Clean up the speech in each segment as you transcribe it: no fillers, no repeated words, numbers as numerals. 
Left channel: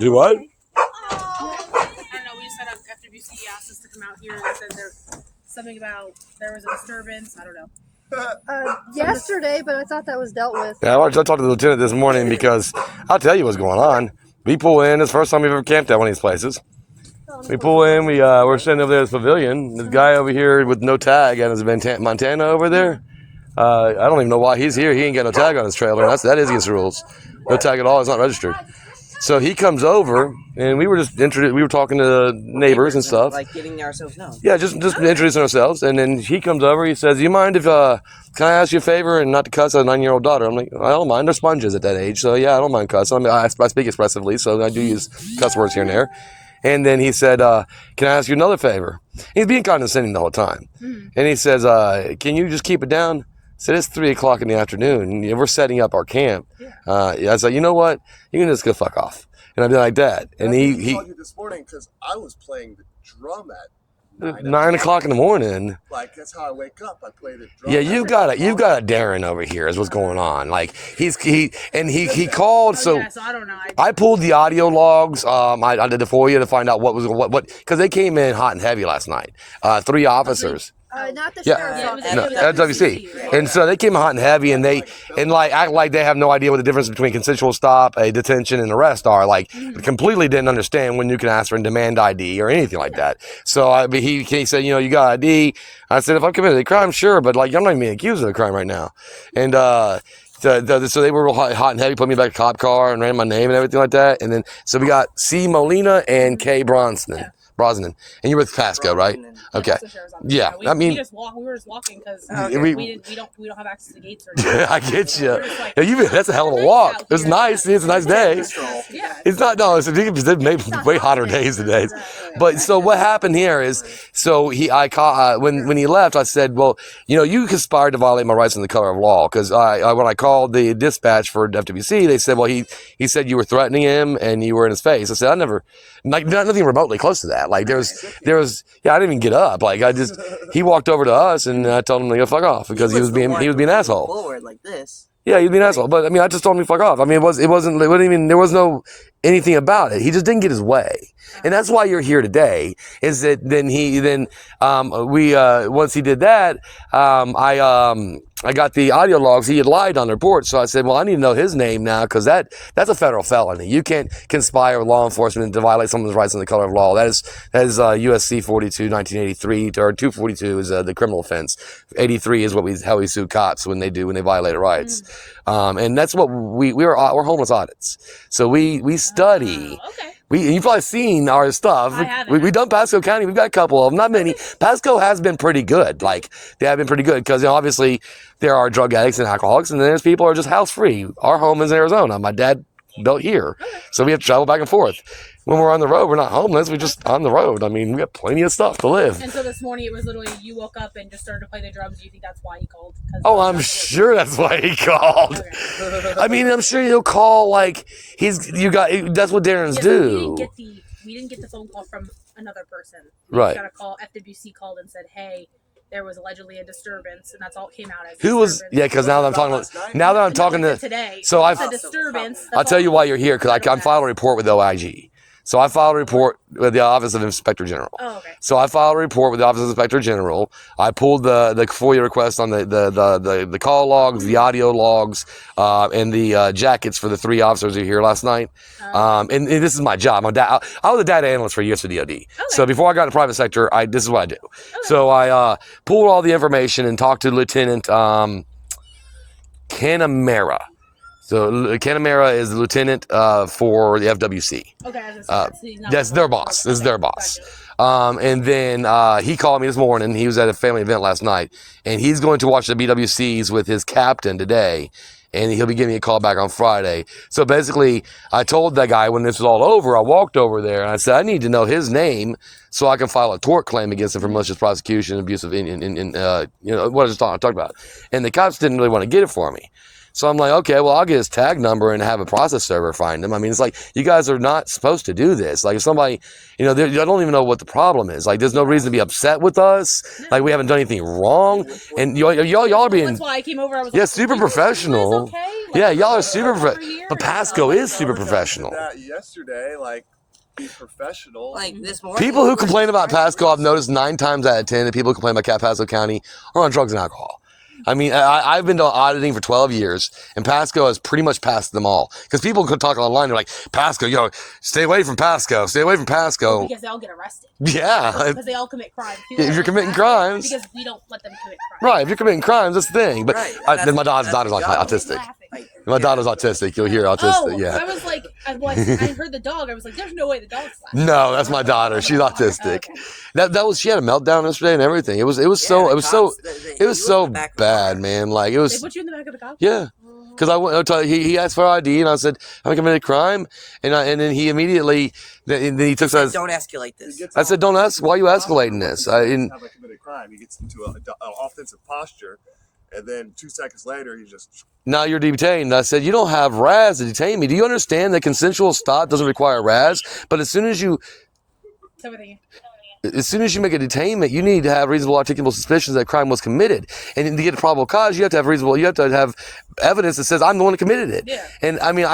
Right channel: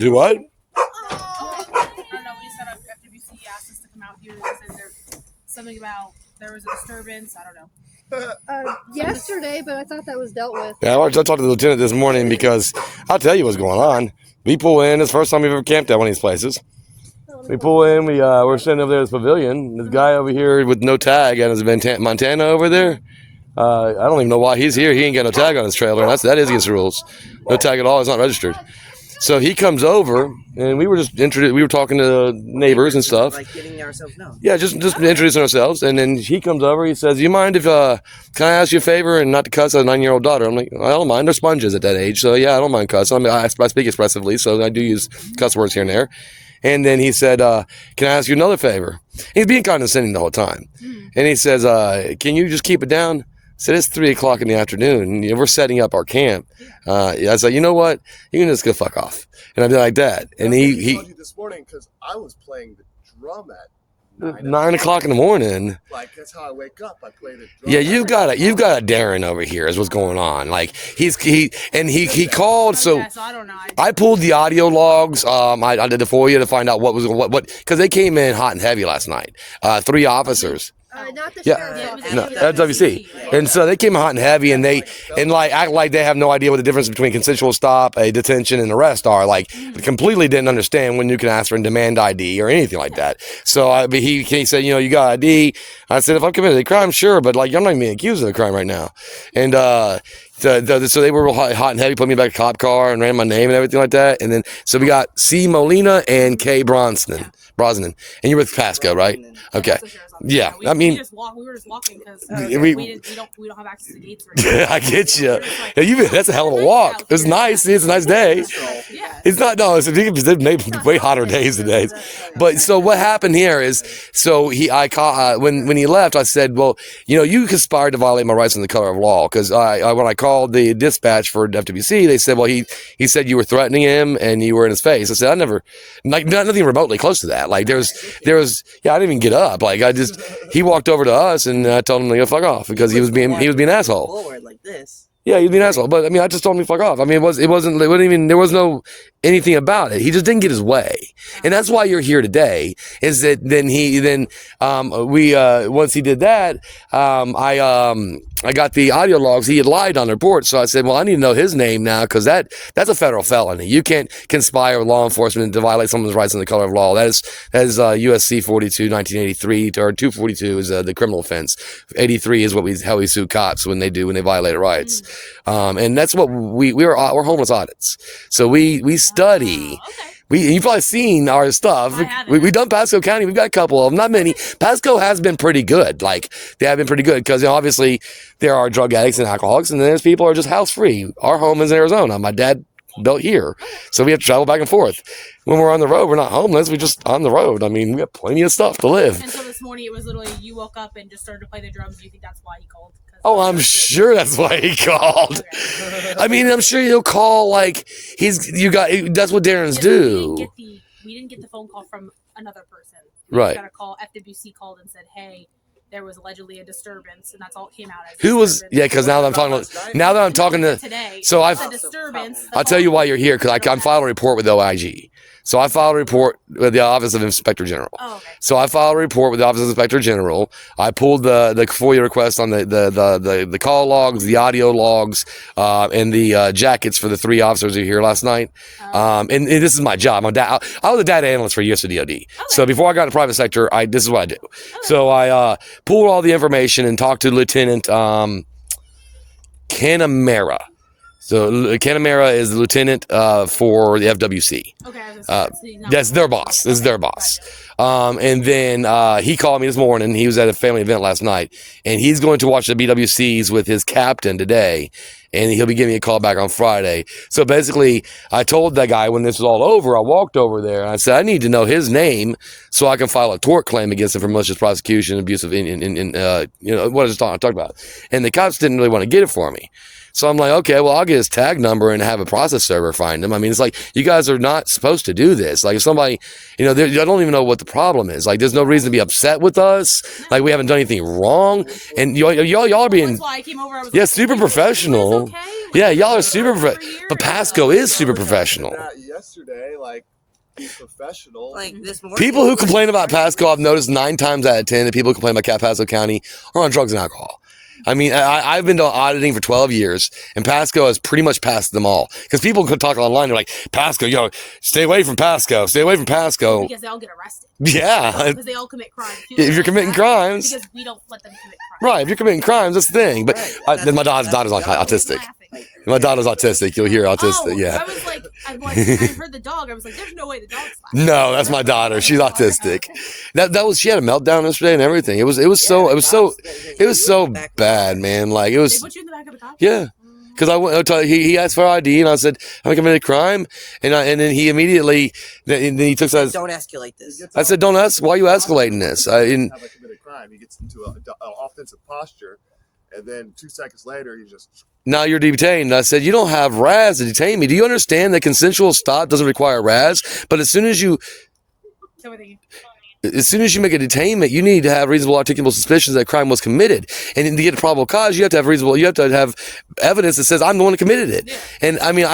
Do what? I don't know. We just had FWC asked us to come out here and said there's something about there was a disturbance. I don't know. Yesterday, but I thought that was dealt with. Yeah, I talked to the lieutenant this morning because I'll tell you what's going on. We pull in. It's the first time we've ever camped at one of these places. We pull in. We're sitting over there at this pavilion. This guy over here with no tag and his Montana over there. I don't even know why he's here. He ain't got no tag on his trailer. And that is against the rules. No tag at all. It's not registered. So he comes over, and we were just introduced. We were talking to neighbors and stuff. Like getting ourselves known. Yeah, just introducing ourselves. And then he comes over. He says, "Do you mind if can I ask you a favor and not to cuss a 9-year-old daughter?" I'm like, "I don't mind. They're sponges at that age, so yeah, I don't mind cussing. I speak expressively, so I do use cuss words here and there." And then he said, "Can I ask you another favor?" He's being condescending the whole time. And he says, "Can you just keep it down?" I said, "It's 3:00 in the afternoon. We're setting up our camp." I said, "You know what? You can just go fuck off." And I'd be like that. And he called you this morning because I was playing the drum at 9 o'clock in the morning. Like that's how I wake up. I play the drum. Yeah, you've got a Darren over here is what's going on. Like he called. So I don't know. I pulled the audio logs. I did it for you to find out what because they came in hot and heavy last night. 3 officers. Not the sheriff's office. No, FWC. And so they came hot and heavy, and act like they have no idea what the difference between consensual stop, a detention, and arrest are. Like, completely didn't understand when you can ask for a demand ID or anything like that. So he said, "You got ID?" I said, "If I'm committed a crime, sure, but like I'm not even being accused of a crime right now." And so they were hot and heavy, put me back in a cop car and ran my name and everything like that. And then so we got C. Molina and K. Brosnan. And you're with Pasco, right? Okay. Yeah, I mean, we were just walking because we don't have access to gates or anything. I get you. That's a hell of a walk. It's nice. It's a nice day. Yeah. It's not. No, it's maybe way hotter days today. But so what happened here is, when he left, I said, "Well, you conspired to violate my rights in the color of law." Because when I called the dispatch for FWC, they said, "Well, he said you were threatening him and you were in his face." I said, "I never, nothing remotely close to that. Like there was, I didn't even get up. Like he walked over to us and I told him to go fuck off because he was being an asshole. Forward like this. Yeah, he was being an asshole. But I mean, I just told him to fuck off. I mean, there was no anything about it. He just didn't get his way. And that's why you're here today, is that once he did that, I got the audio logs. He had lied on the report. So I said, well, I need to know his name now because that's a federal felony. You can't conspire with law enforcement to violate someone's rights in the color of law. That is USC 42, 1983, or 242 is the criminal offense. 83 is how we sue cops when they violate rights. And that's what we're homeless audits. So we study. Okay. You've probably seen our stuff. We've done Pasco County. We've got a couple of them, not many. Pasco has been pretty good. Like, they have been pretty good because, obviously there are drug addicts and alcoholics, and there's people who are just house free. Our home is in Arizona. My dad built here. So we have to travel back and forth. When we're on the road, we're not homeless. We're just on the road. I mean, we have plenty of stuff to live. And so this morning, it was literally you woke up and just started to play the drums. Do you think that's why he called? Oh, I'm sure that's why he called. Okay. I mean, I'm sure he'll call like that's what Darren's do. We didn't get the phone call from another person. Right. Got a call. FWC called and said, "Hey, there was allegedly a disturbance," and that's all it came out as. Who was? Yeah, because now that I'm talking to today. So a disturbance. I'll tell you why you're here because I'm filing a report with OIG. So I filed a report with the Office of Inspector General. Oh, okay. So I filed a report with the Office of Inspector General. I pulled the FOIA request on the call logs, the audio logs, and the jackets for the 3 officers who were here last night. And this is my job. I was a data analyst for USDOD. Okay. So before I got into private sector, this is what I do. Okay. So I pulled all the information and talked to Lieutenant Canamera. So Canamera is the lieutenant for the FWC. Okay. That's their boss. This is their boss. And then he called me this morning. He was at a family event last night, and he's going to watch the BWCs with his captain today, and he'll be giving me a call back on Friday. So basically, I told that guy when this was all over, I walked over there, and I said, I need to know his name so I can file a tort claim against him for malicious prosecution, abusive, what I just talked about. And the cops didn't really want to get it for me. So I'm like, okay, well, I'll get his tag number and have a process server find him. I mean, it's like, you guys are not supposed to do this. Like, if somebody, I don't even know what the problem is. Like, there's no reason to be upset with us. Like, we haven't done anything wrong. And y'all are being, that's why I came over. I was super professional. Okay? Yeah, y'all are super For professional. years. But Pasco is super professional. That yesterday, like, he's professional. Like this morning. People who complain about Pasco, I've noticed 9 times out of 10 that people who complain about Pasco County are on drugs and alcohol. I mean, I've been to auditing for 12 years, and Pasco has pretty much passed them all. Because people could talk online, they're like, Pasco, stay away from Pasco, stay away from Pasco. Because they all get arrested. Yeah. Because they all commit crimes. If you're committing crimes. Because we don't let them commit crimes. Right, if you're committing crimes, that's the thing. But Right, my daughter's autistic. Laughing. My daughter's autistic. You'll hear autistic, yeah. I was like, I heard the dog. I was like, there's no way the dog's laughing. No, that's my daughter. She's autistic. She had a meltdown yesterday and everything. It was so bad, man. Like it They was, put you in the back of the cop? yeah. Because he asked for ID and I said, have I committed a crime? And then he immediately, then he took us. Don't escalate this. I said, don't ask. Why are you escalating this? Have I committed a crime? He gets into an offensive posture, and then 2 seconds later, he just. Now you're detained. I said, you don't have RAS to detain me. Do you understand that consensual stop doesn't require RAS? But as soon as you make a detainment, you need to have reasonable articulable suspicions that a crime was committed. And to get a probable cause, you have to have evidence that says I'm the one who committed it. Yeah. And I mean,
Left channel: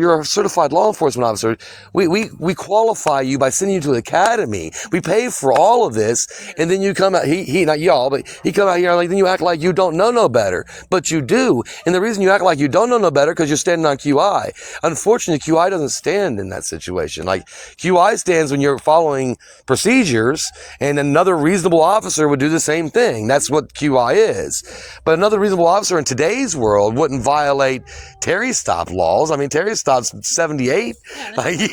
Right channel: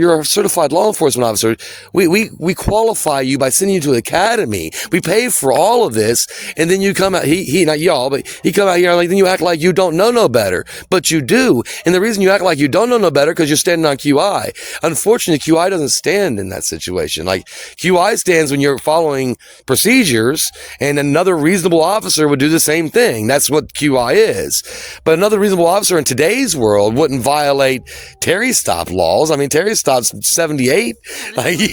you're a certified law enforcement officer. We qualify you by sending you to the academy. We pay for all of this, and then you come out. He not y'all, but he come out here then you act like you don't know no better, but you do. And the reason you act like you don't know no better because you're standing on QI. Unfortunately, QI doesn't stand in that situation. Like QI stands when you're following procedures, and another reasonable officer would do the same thing. That's what QI is. But another reasonable officer in today's world wouldn't violate Terry stop laws. I mean, Terry stop's 78. Yeah, like you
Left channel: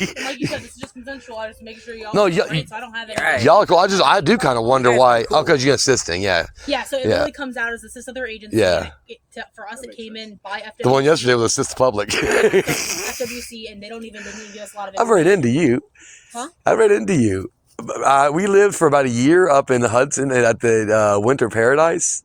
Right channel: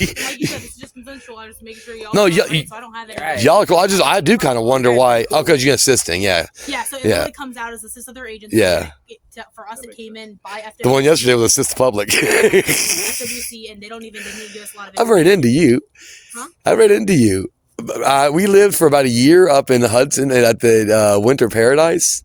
said, it's just consensual. I just making sure y'all. No, so I don't have any. Right. Y'all, I do kind of wonder why. Oh, because you're assisting, yeah. Yeah, so it really comes out as assist other agents. Yeah. For us, it came in by FWC. The one yesterday was assist the public. FWC, and they don't even give us a lot of. I've ran into you. Huh? I ran into you. We lived for about a year up in the Hudson at the Winter Paradise,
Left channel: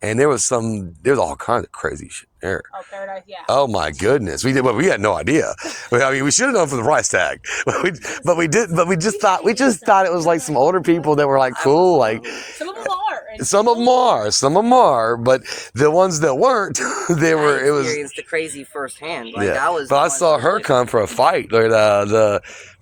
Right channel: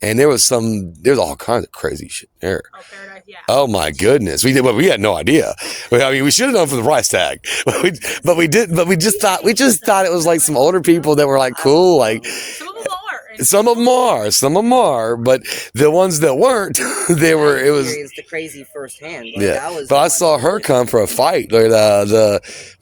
and there was all kinds of crazy shit there. Oh, Paradise, yeah. Oh my goodness, we had no idea. I mean, we should have known from the price tag, but we just thought it was like some older people that were like cool, like. Some of them are. Some of them are, but the ones that weren't, they were. It was experienced the crazy firsthand. Like, yeah. But I saw her come for a fight. Like we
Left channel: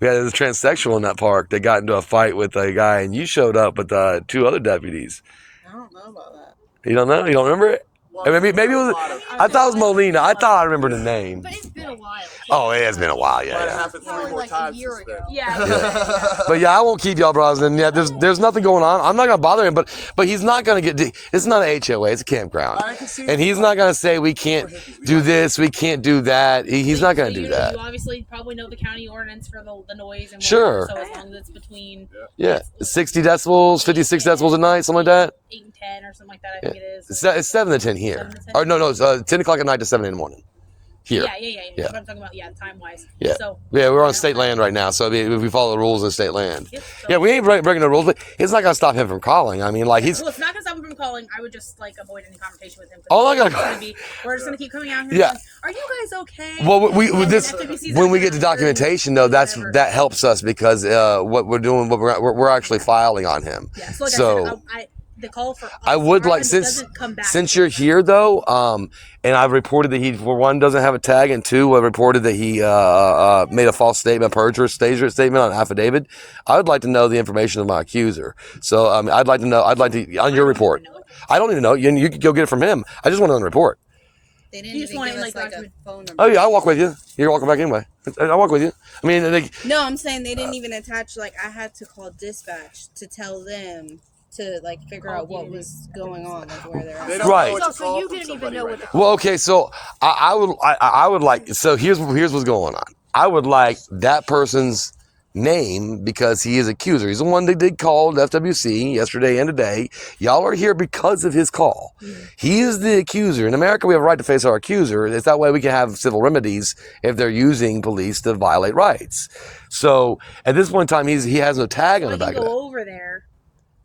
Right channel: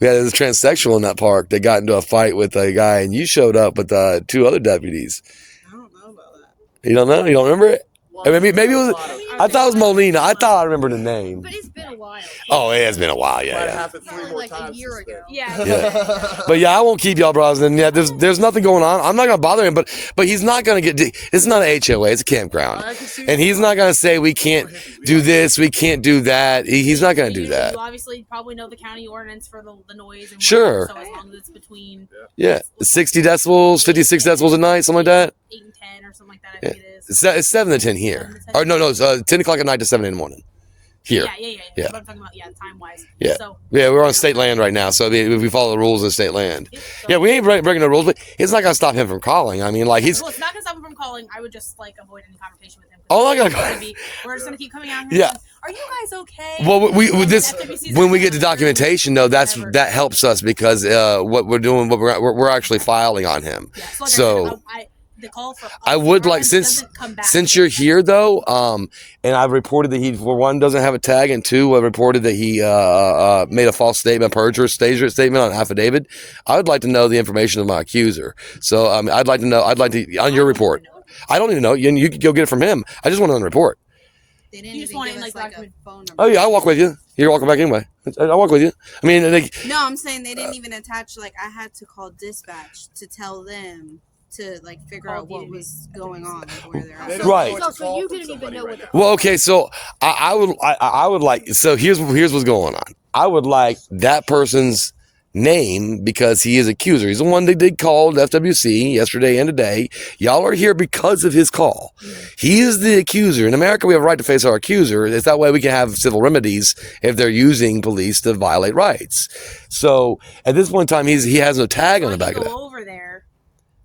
had this transsexual in that park that got into a fight with a guy, and you showed up with 2 other deputies. I don't know about that. You don't know? You don't remember it? Maybe it was. I thought it was Molina. I thought I remembered the name. But it's been a while. Oh, it has been a while. Yeah. Happened 3 more Like a times year since ago. then. Yeah. But yeah, I won't keep y'all bros. And yeah, there's nothing going on. I'm not gonna bother him. But he's not gonna get. It's not an HOA. It's a campground. And he's not gonna say we can't do this. We can't do that. He's not gonna do that. You obviously probably know the county ordinance for the noise and Sure. whatever, so as long as it's between 60 decibels, 56 decibels a night, something like that. 8 and 10 or something like that, I think it is. It's 7 to 10 here. 7 to 10? Or no, it's 10 o'clock at night to 7 in the morning. Here. Yeah. What I'm talking about, time wise. Yeah. So, We're on state land right now, so we follow the rules of state land. so- Yeah, we ain't breaking the rules, but it's not gonna stop him from calling. I mean, like Well, it's not gonna stop him from calling. I would just avoid any conversation with him. Oh, I gotta we're just gonna keep coming out here. Yeah. Like, are you guys okay? Well, And this FWC's when like, we get to "Yeah, documentation, though, whatever." that helps us because what we're doing, we're actually filing on him. Yeah. So, like So- I said, the call for I would like doesn't come back since you're here though, and I've reported that he for one doesn't have a tag, and 2, I reported that he made a false statement, perjury statement on affidavit. I would like to know the information of my accuser. So I'd like to on your report. I don't even know. You can go get it from him. I just want it on the report. They didn't You just even want give it, us like, a document- phone number. Oh yeah, I'll walk with you. You're walking back anyway. I'll walk with you. I mean, No, I'm saying they didn't even attach. Like, I had to call dispatch to tell them to figure out what was going on, where they're They at. don't Right. know what to So call you from didn't even somebody know right what now. well, okay. So I would like. So here's what's going on. I would like that person's name because he is accuser. He's the one that did call FWC yesterday and today. Y'all are here because of his call. He is the accuser. In America, we have a right to face our accuser. It's that way we can have civil remedies if they're using police to violate rights. So at this point in time, he has no tag on the back of it. Go over there.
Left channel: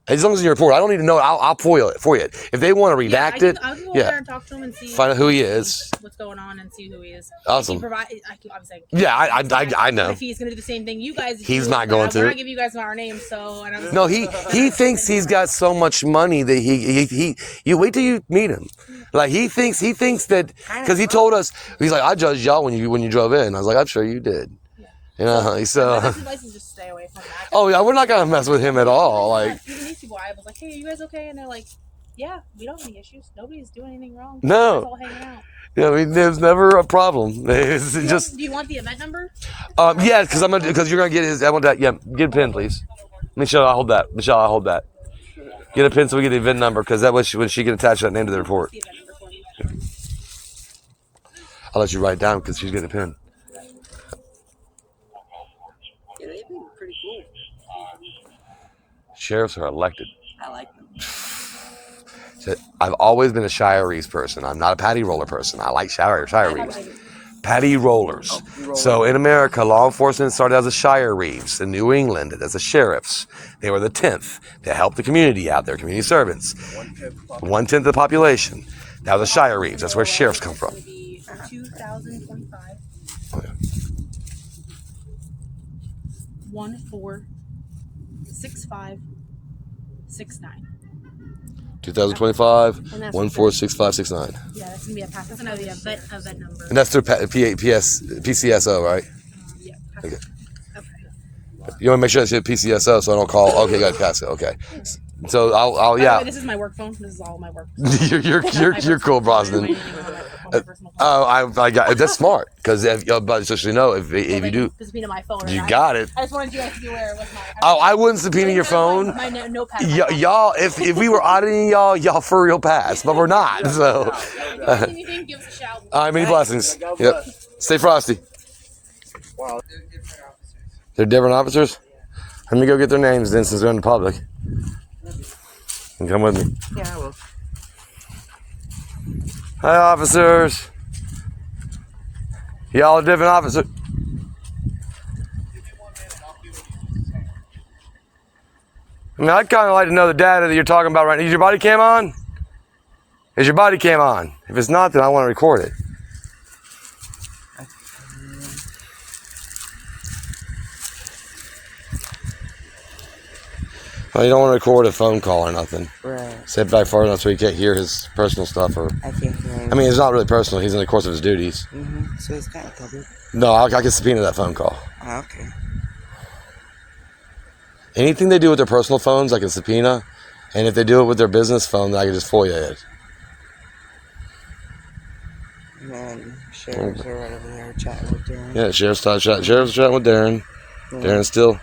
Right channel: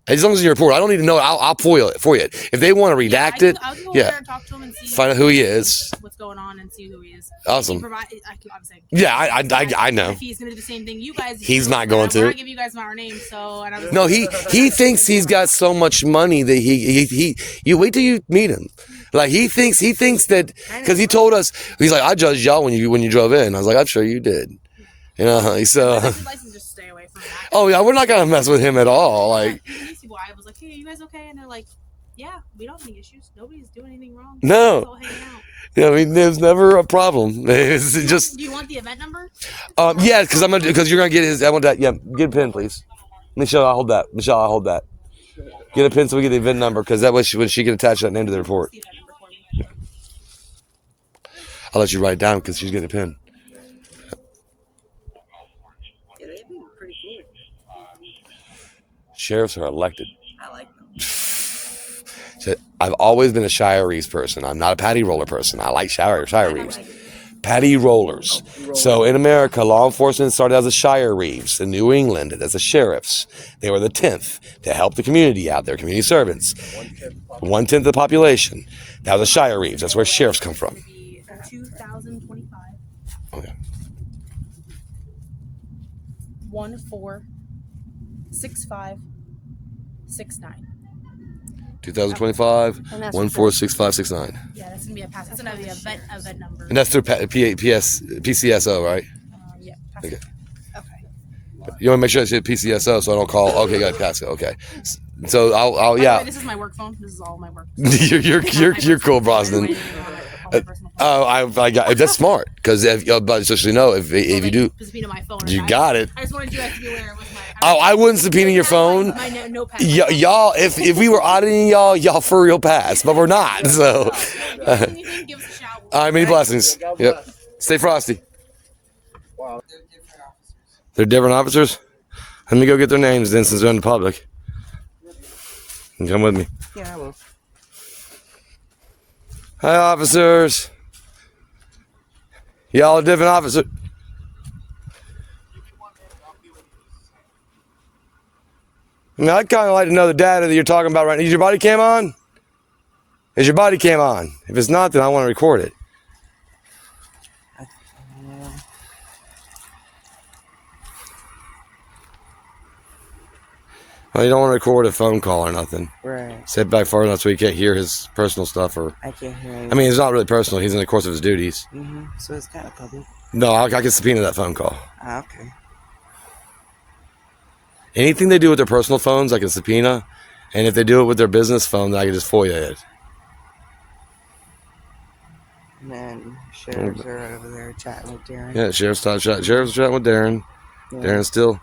As long as you report, I don't need to know. I'll FOIL it for you. If they want to redact it, I'll go over there and talk to him and see. Find out who he is. What's going on and see who he is. Awesome. Obviously. Yeah, I know. If he's gonna do the same thing you guys. He's not going to. We're not giving you guys our names, so. No, he thinks he's got so much money that he. You wait till you meet him. Like he thinks that because he told us he's like, I judged y'all when you drove in. I was like, I'm sure you did. You know, so. License, just stay away from that. Oh yeah, we're not gonna mess with him at all. Like even these people, I was like, hey, you guys okay? And they're like, yeah, we don't have any issues. Nobody's doing anything wrong. No. We're all hanging out. Yeah, I mean, there's never a problem. It's Do you want the event number? Yeah, because you're gonna get his. I want that. Yeah, get a pin, please. Michelle, I'll hold that. Michelle, I'll hold that. Get a pin so we get the event number, because that way she can attach that name to the report. The event number for me. I'll let you write it down because she's getting a pin. Yeah, they've been pretty cool. Sheriffs are elected. I like them. So I've always been a Shirese person. I'm not a patty roller person. I like Shirese. Patty rollers. So in America, law enforcement started as a Shirese. In New England, as a sheriffs. They were the 10th to help the community out there, community servants. 1/10 of the population. That was a Shirese. That's where sheriffs come from. 2025. Okay. 146569. 2025, 146569. Yeah, that's gonna be a pass. It's another event number. And that's through PCSO, right? Yeah. Okay. Okay. You want to make sure it's hit PCSO so I don't call. Okay, good, pass it. Okay. So I'll By the yeah. way, this is my work phone. This is all my work. you're cool, Boston. I got that's smart because but just so you know if you do subpoena my phone. you got it. I just wanted you guys to be aware it was my. I wouldn't subpoena your phone. My notepad. Y'all, if we were auditing y'all for real pass, but we're not. So, Anything, give us a shout. all right, many blessings. Yep. Stay frosty. Wow. They're different officers. Let me go get their names then, since they're in the public. And come with me. Yeah, I will. Hi, officers. Y'all are different officers. Now, I'd kind of like to know the data that you're talking about right now. Is your body cam on? Is your body cam on? If it's not, then I want to record it. Oh, you don't want to record a phone call or nothing. Right. Sit back far enough so you can't hear his personal stuff. Or I can't hear him. I mean, it's not really personal. He's in the course of his duties. So it's kind of covered. No, I can subpoena that phone call. Oh, okay. Anything they do with their personal phones, I can subpoena. And if they do it with their business phone, then I can just FOIA it. Man, sheriffs are right over there chatting with Darren. Yeah, sheriff's chatting with Darren. Darren still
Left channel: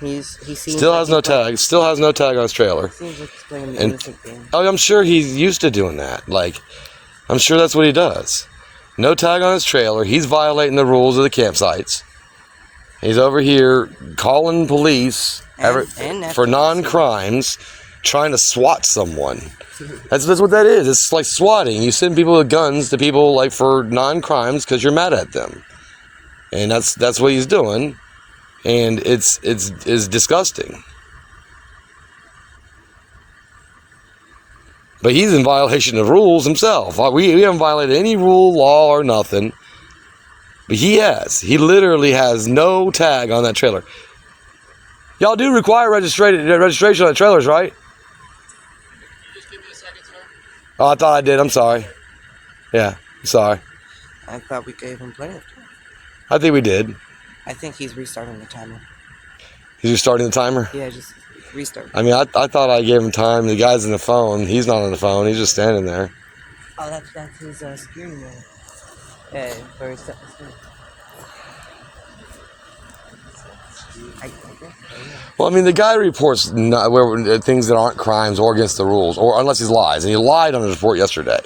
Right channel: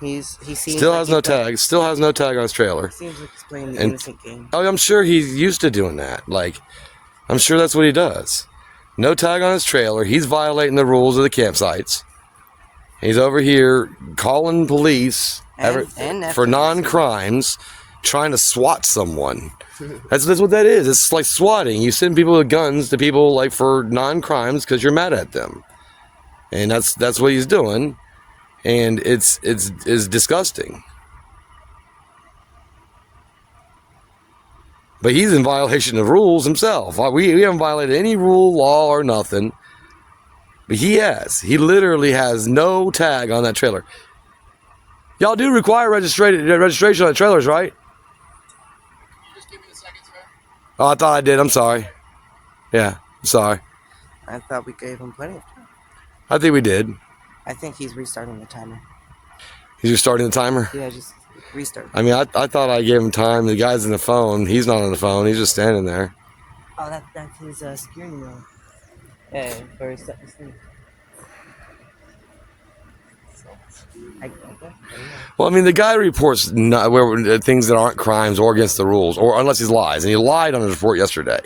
He seems still like has no tag. Still has no tag on his trailer. Seems like he's playing the And- innocent game. Oh, I'm sure he's used to doing that. Like, I'm sure that's what he does. No tag on his trailer. He's violating the rules of the campsites. He's over here calling police And for non-crimes, trying to SWAT someone. That's what that is. It's like swatting. You send people with guns to people like for non-crimes because you're mad at them, and that's what he's doing, and it's disgusting. But he's in violation of rules himself. We haven't violated any rule, law, or nothing. But he has. He literally has no tag on that trailer. Y'all do require registration on trailers, right? Oh, I thought I did. I'm sorry. Yeah, I'm sorry. I thought we gave him plenty of time. I think we did. I think he's restarting the timer. He's restarting the timer? Yeah, just restart. I mean, I thought I gave him time. The guy's on the phone. He's not on the phone. He's just standing there. Oh, that's his steering wheel. Yeah, or step the steering. Well, I mean, the guy reports things that aren't crimes or against the rules, or unless he lies. And he lied on his report yesterday.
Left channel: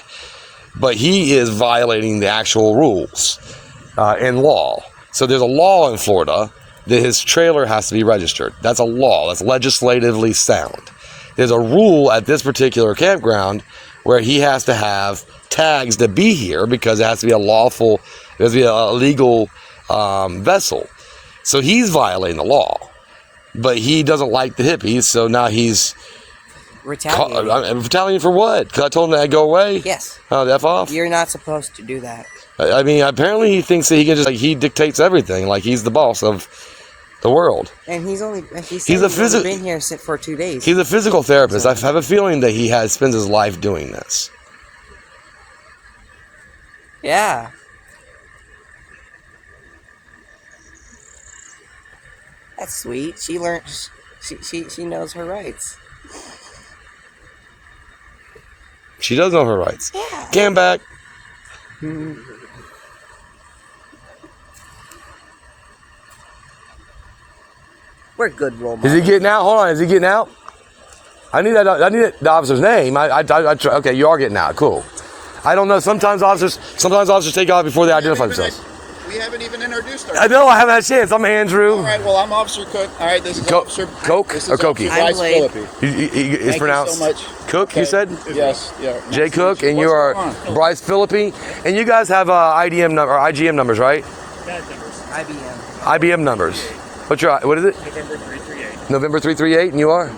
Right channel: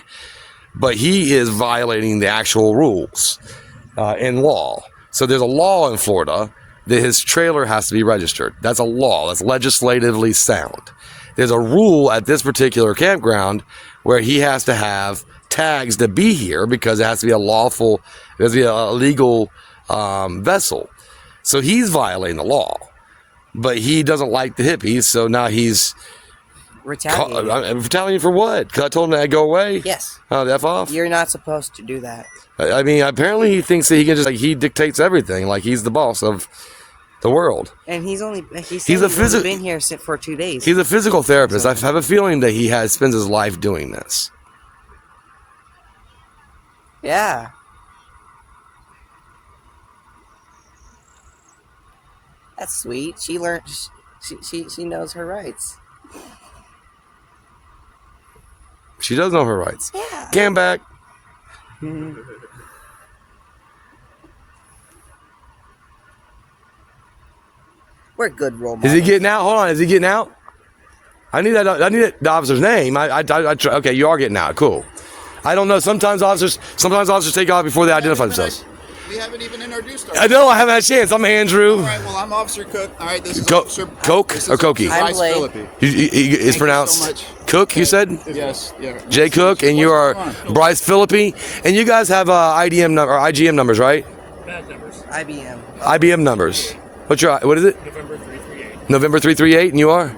But he is violating the actual rules in law. So there's a law in Florida that his trailer has to be registered. That's a law. That's legislatively sound. There's a rule at this particular campground where he has to have tags to be here because it has to be a lawful, it has to be a legal vessel. So he's violating the law. But he doesn't like the hippies, so now he's retaliate. I'm retaliating for what? Because I told him to go away? Yes. Oh, the F off? You're not supposed to do that. I mean, apparently he thinks that he can just, like, he dictates everything. Like, he's the boss of the world. And he's only He's a been here for 2 days. He's a physical therapist. I have a feeling that he spends his life doing this. Yeah. That's sweet. She learned. She knows her rights. She does know her rights. Yeah. Cam back. We're good role Is models. he getting out? Hold on. Is he getting out? I need the officer's name. Okay, you are getting out. Cool. I don't know. Sometimes officers take off before they identify themselves. We haven't even introduced I ourselves. know. I haven't had a chance. I'm Andrew. All right, well, I'm Officer Cook. All right, this is Officer... Coke This is or Cokie? Officer Bryce Blade. Philippi. It's Thank pronounced you so much. Cook. Okay. You said Yes, yeah. Jay Nice to Cook, meet and you. you What's are going on? Bryce Philippi, and you guys have IDM number or IGM numbers, right? IBM. IBM numbers. What is it? November 338, and you are?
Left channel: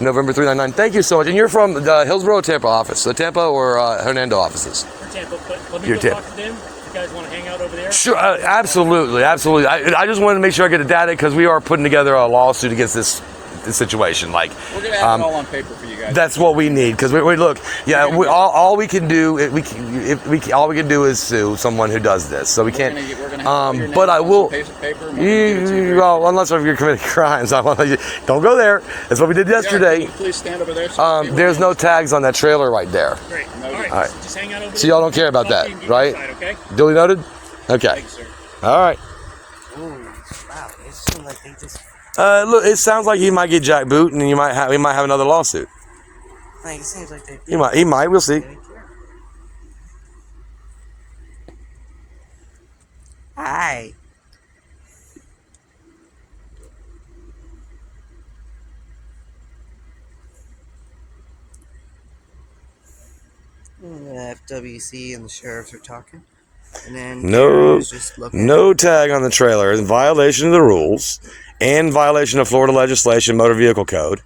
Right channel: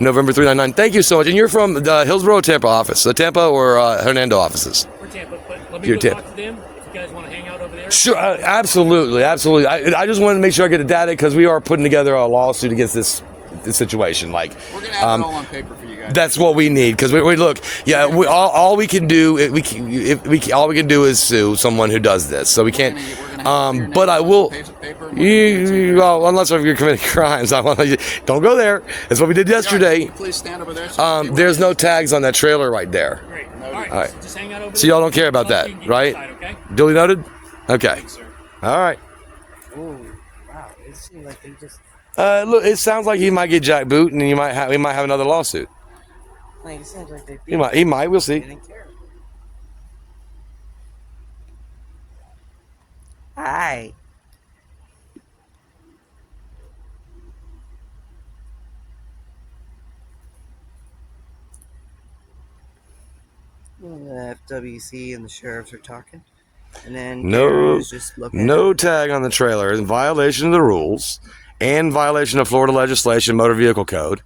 November 399. Thank you so much. And you're from the Hillsborough or Tampa office? The Tampa or Hernando offices? For Tampa, but let me You're go Tampa. talk to them. If you guys want to hang out over there. Sure, absolutely. I just wanted to make sure I get the data because we are putting together a lawsuit against this situation. Like, We're going to have it all on paper for you guys. that's what we need because we look. Yeah, all we can do all we can do is sue someone who does this. So we can't. We're gonna have to put your But name I on will. some piece of paper and we'll give it to you. Well, unless if you're committing crimes, I want to. Don't go there. That's what we did Yeah, yesterday. can you please stand over there. So There's no tags on that trailer right there. Great. All All right. right. Just hang out over there. So y'all don't care about that, You can get right? inside, okay? Duly noted. Okay. Thanks, sir. All right. Ooh, wow. It seems like they just Look, it sounds like he might get jackboot, and we might have another lawsuit. like it seems like they He might. We'll see. didn't care. Hi. And the FWC and the sheriffs are talking. And then No, Darren's just looking. no tag on the trailer in violation of the rules and violation of Florida legislation, motor vehicle code.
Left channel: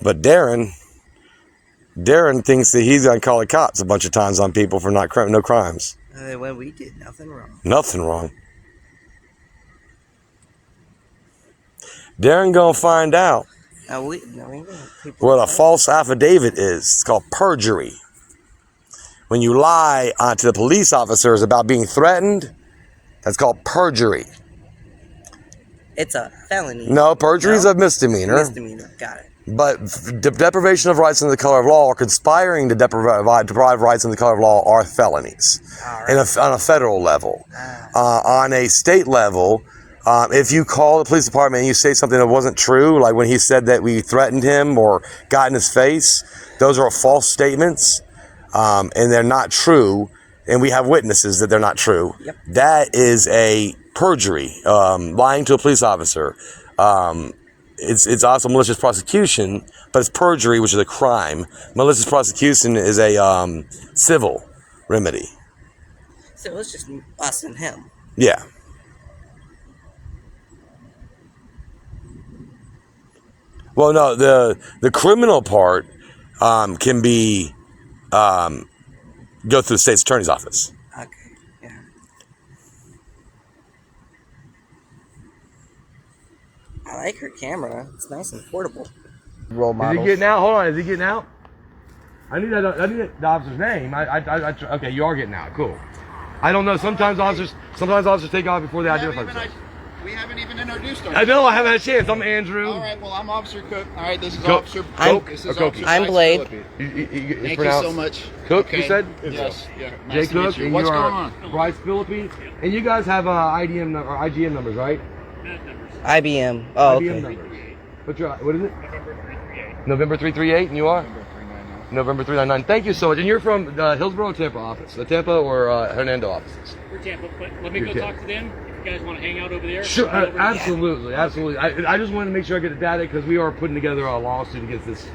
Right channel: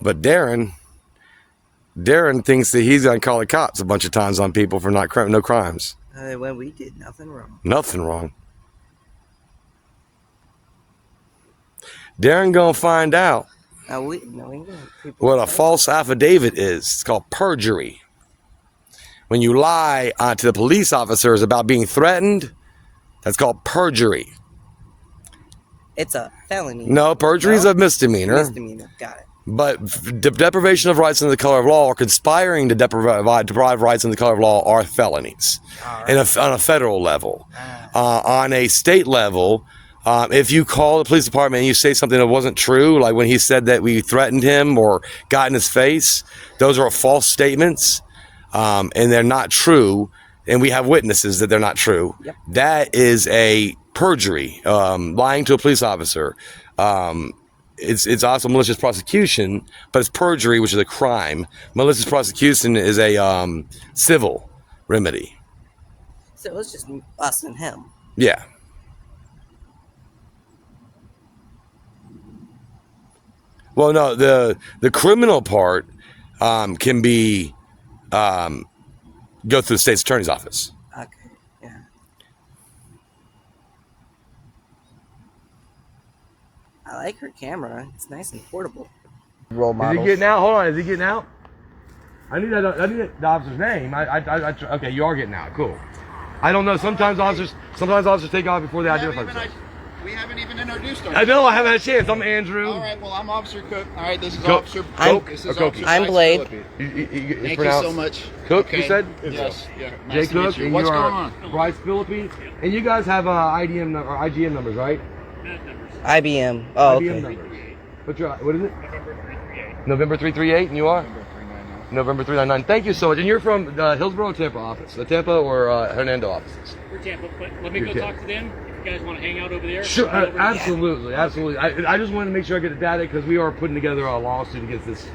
But Darren thinks that he's gonna call the cops a bunch of times on people for no crimes. When we did nothing wrong. Nothing wrong. Darren gonna find out No, we don't. People what a false affidavit is. It's called perjury. When you lie to the police officers about being threatened, that's called perjury. It's a felony. No, perjury is No? a misdemeanor. Misdemeanor. Got it. But deprivation of rights under the color of law or conspiring to deprive rights under the color of law are felonies on a federal level. On a state level, if you call the police department and you say something that wasn't true, like when he said that we threatened him or got in his face, those are false statements, and they're not true, and we have witnesses that they're not true. Yep. That is a perjury, lying to a police officer. It's also malicious prosecution, but it's perjury, which is a crime. Malicious prosecution is a civil remedy. So it's just us and him. Yeah. Well, no, the criminal part can be go through the state's attorney's office. Okay. Yeah. I like her camera. It's nice and portable. Role Is he getting out? Hold on. Is he getting out? I need the officer's name. Okay, you are getting out. Cool. I don't know. Sometimes officers take off before they identify themselves. We haven't even introduced I ourselves. know. I haven't had a chance. I'm Andrew. All right, well, I'm Officer Cook. All right, this is Cook. Officer Coke This or is Cokie? Officer I'm Bryce Blade. Philippi. It's Thank you pronounced so much. Cook, you said? Yes. Yeah. Jay Nice to Cook, meet you. and What's you going are on? Bryce Philippi, and you guys have IDM or IGM numbers, right? IBM. Oh, IBM okay. numbers. What is it? November 338, and you are? November 399. Thank you so much. And you're from the Hillsborough or Tampa office? The Tampa or Hernando offices? For Tampa, but let me You're go Tampa. talk to them. If you guys want to hang out over there. Sure, come over. absolutely. I just wanted to make sure I get the data because we are putting together a lawsuit against this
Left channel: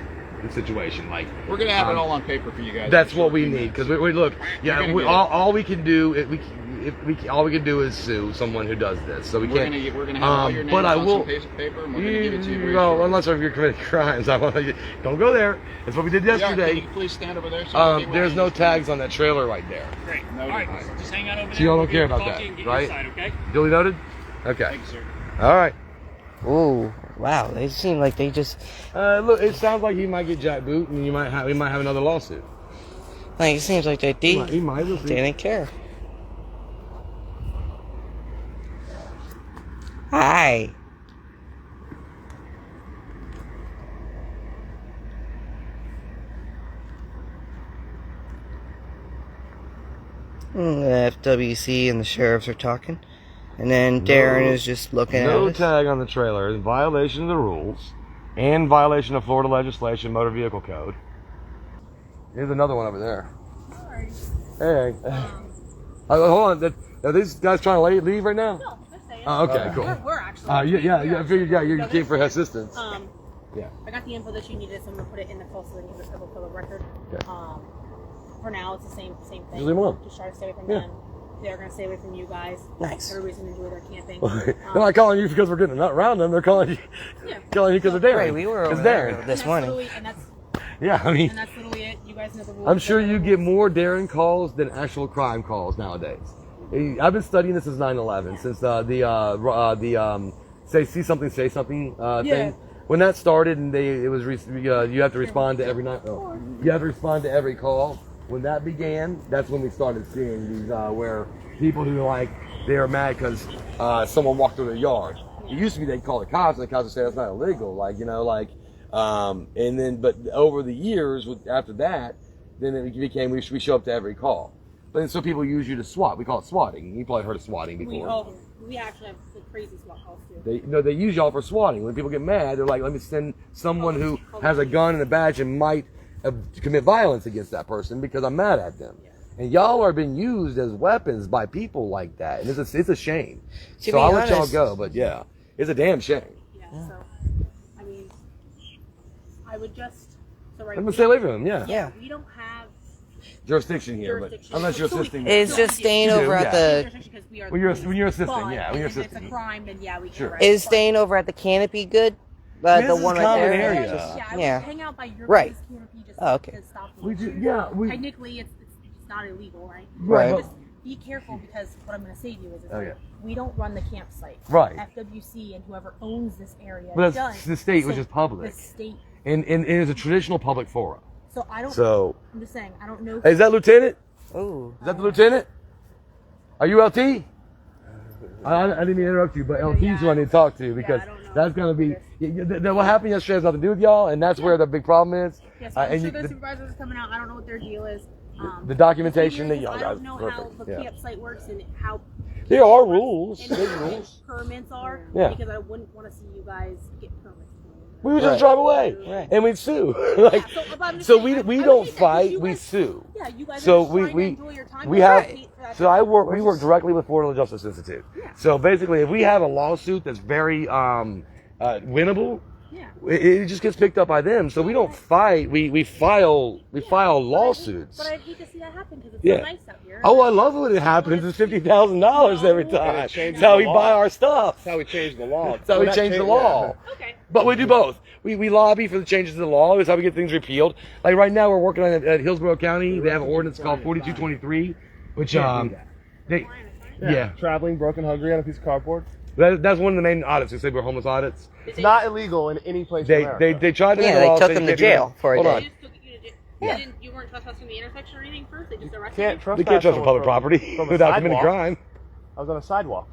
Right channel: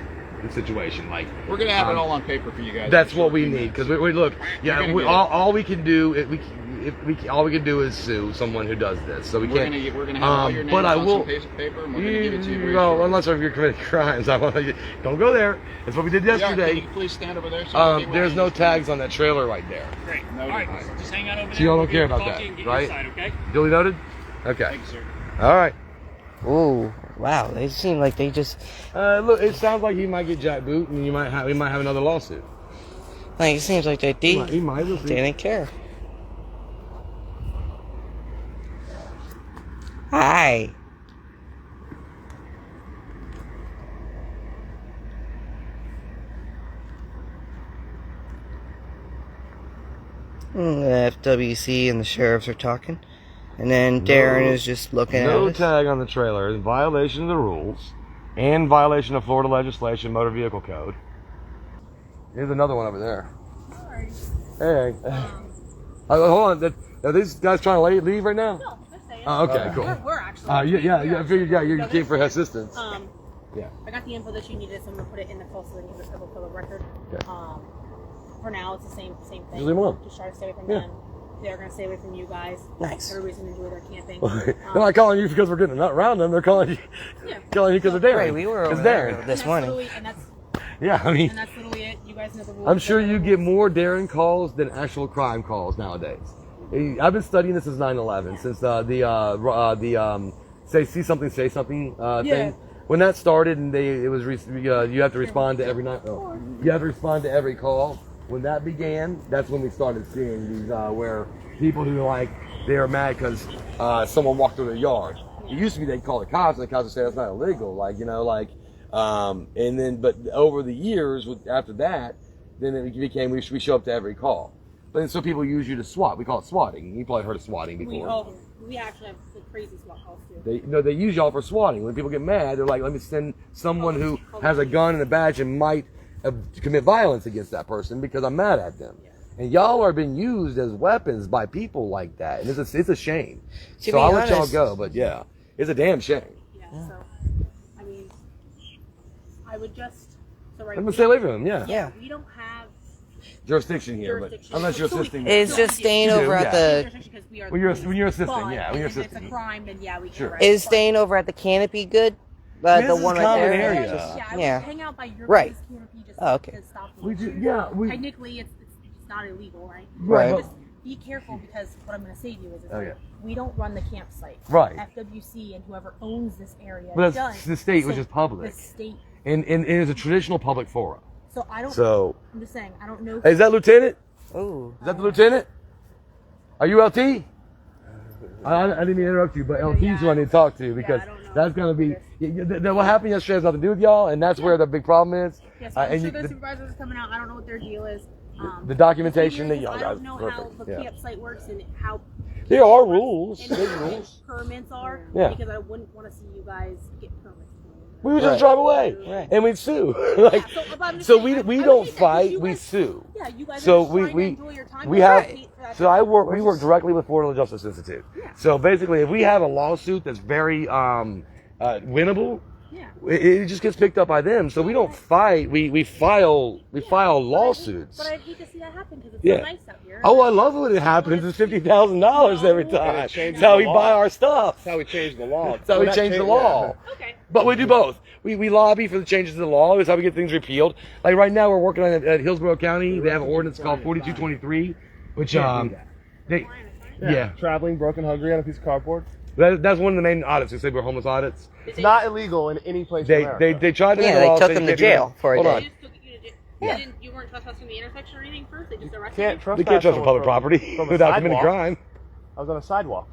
situation. Like, We're going to have it all on paper for you guys. that's what we need because we look. Yeah, gonna we, get it. all we can do all we can do is sue someone who does this. So we We're can't. gonna have all your names but I on will. some piece of paper, and we're gonna give it to you. very Well, shortly. unless you're committing crimes, I want to. Don't go there. That's what we did Yeah, yesterday. can you please stand over there? So There's no tags on that trailer right there. Great. No, All right. no. Just hang out over there. So y'all don't We'll care get about coffee that, and get right? Inside, okay? Duly noted. Okay. Thank you, sir. All right. Ooh, wow. They seem like they just Look, it sounds like he might get jackboot, and we might have another lawsuit. like it seems like they He might. We'll see. didn't care. Hi. The FWC and the sheriffs are talking, and then Darren is just looking at No us. tag on the trailer in violation of the rules and violation of Florida legislation, motor vehicle code. Here's another one over there. Hey. Hold on. Are these guys trying to leave right now? No, they're saying. Oh, okay, cool. We're actually. Yeah. I figured, you came for assistance. Yeah. I got the info that you needed, so I'm gonna put it in the call so that you can for the record. Okay. For now, it's the same thing. Just leave them alone. Just try to stay away from Yeah. them. They're gonna stay away from you guys. Nice. Everybody's gonna enjoy their camping. They're not calling you because we're getting around them. They're calling you because of Darren. Right, we were over It's there Darren. this morning. And that's Yeah, I mean, literally it. You guys know the rules. I'm sure you get more Darren calls than actual crime calls nowadays. I've been studying this since 9/11, since see something, say something thing. When that started, and you have to respond to every night. Oh, you have to respond to every call. When that began, that's when we started seeing these where people who they are mad because someone walked through their yard. It used to be they'd call the cops, and the cops would say that's not illegal, and then but over the years, after that, then it became we show up to every call. But then so people use you to swat. We call it swatting. You probably heard of swatting before. We actually have the crazy SWAT calls too. They use y'all for swatting. When people get mad, they're like, let me send someone who has a gun and a badge and might commit violence against that person because I'm mad at them. And y'all are being used as weapons by people like that. And it's a shame. To So be I'll let y'all honest- go, but yeah, it's a damn shame. Yeah. So, I mean, I would just. So right. I'm gonna stay away from them, yeah. Yeah. We don't have Jurisdiction here, but unless you're assisting. It's just staying You do, over at yeah. the jurisdiction because we are. When you're assisting, But yeah. When you're if it's assisting. a crime, then yeah, we can. Sure. arrest. is But- staying over at the canopy good? Yeah, The this is one right common there. area. Yeah, I would Yeah. hang out by your Right. guys' canopy just Oh, okay. to stop the We do, issue. yeah. Technically, it's not illegal, right? Right. Just be careful because what I'm going to say to you is Okay. we don't run the campsite. Right. FWC and whoever owns this area But does. that's the state, which So is public. The state. And it's a traditional public forum. So I don't. So, I'm just saying I don't know. hey, is that Lieutenant? Ooh. Is that the Lieutenant? Are you LT? I didn't mean to interrupt you, but LT's who I need to talk to because I don't know. that's going to be... what happened yesterday has nothing to do with y'all, and that's where the big problem is. Yes, I'm and sure you- the supervisors are coming out. I don't know what their deal is. the documentation that I y'all guys... don't know how Perfect. the Yeah. campsite works and how. There are rules. And There's what rules. permits are. Yeah. Because I wouldn't want to see you guys get permits. We would just Right. drive away, Right. and we'd sue. But I'm just saying, we I don't would hate that 'cause fight, you we guys- sue. Yeah, you guys So are just trying to we enjoy your time. we but I have hate for that so to I happen. work we work directly with Florida Justice Institute. Yeah. So basically, if we have a lawsuit that's very winnable, Yeah. it just gets picked up by them. So we don't fight. We file lawsuits. But I'd hate to see that happen because it's Yeah. so nice out here. Oh, I love it when it happens. It's $50,000 every time. it changes That's how the we law. buy our stuff. That's how we change the law. That's how we change the law. Okay. But we do both. We lobby for the changes to the law. That's how we get things repealed. Like right now, we're working on it at Hillsborough County. They have an ordinance called 4223, which yeah, Traveling broken hungry on a piece of cardboard. that's one of the main audits. They say we're homeless audits. It's not illegal in any place in They America. tried to make Yeah, a they law took saying him you to can't do jail that. for a Hold day. on. You weren't trespassing the intersection or anything first. They just arrested Can't you. trespass We can't trust on someone public property from a without committing sidewalk. crime. I was on a sidewalk.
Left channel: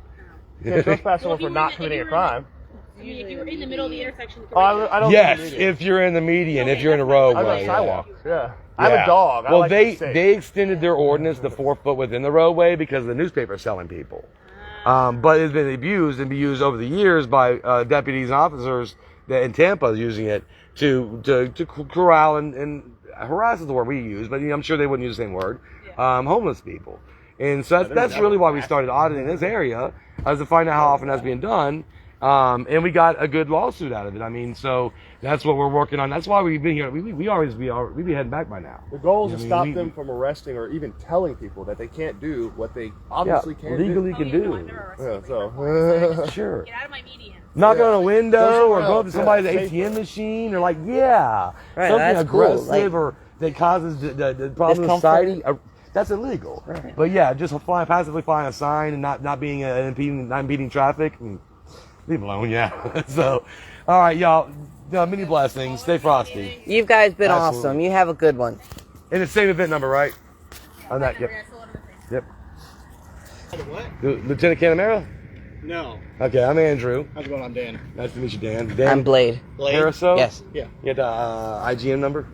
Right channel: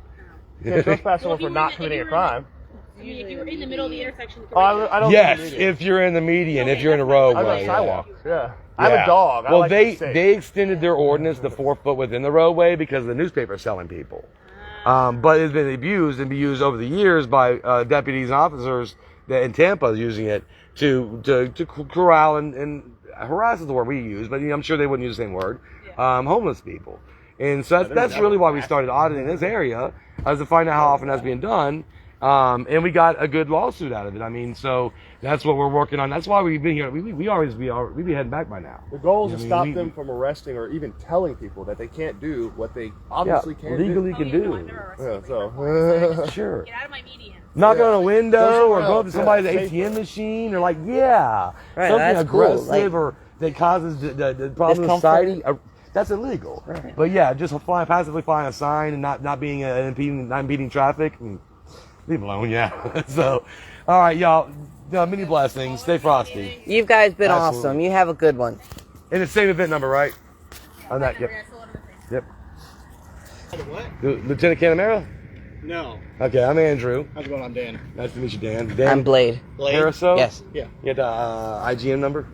You can't trespass someone for not committing a crime. I mean, if you were in the middle of the intersection, you could Oh, write I don't Yes, think you need it. if you're in the median, if you're in a I was on roadway. a yeah. sidewalk. Yeah. I have Yeah. a dog. I Well, like to be safe. they extended their ordinance to 4 foot within the roadway because the newspaper's selling people. But it's been abused and used over the years by deputies and officers that in Tampa is using it to corral and harass is the word we use, but I'm sure they wouldn't use the same word. Homeless people, and so that's really why we started auditing this area, as to find out how often that's being done. And we got a good lawsuit out of it. I mean, so that's what we're working on. That's why we've been here. We'd be heading back by now. The goal is to I mean, stop them from arresting or even telling people that they can't do what they obviously can't legally do. can No, do. I've never arrested Yeah, anybody before, so Sure. Get out of my median. Knock Yeah. on a window or Somewhere go up to else, somebody's yeah, ATM safer. machine or like, Right, something that's cool, aggressive like- or that causes the problem in Discomfort. society. That's illegal. Right. But yeah, just passively flying a sign and not being not impeding traffic. Leave it alone, yeah. So, all right, y'all. Many blessings. Stay frosty. You guys been Absolutely. awesome. You have a good one. And the same event number, right? On that, yep. That's a lot of the things. Yep. What? Lieutenant Canamera? No. Okay, I'm Andrew. How's it going? I'm Dan. Nice to meet you, Dan. Dan I'm Blade. Pariseau? Yes. Yeah. You got the IGN number?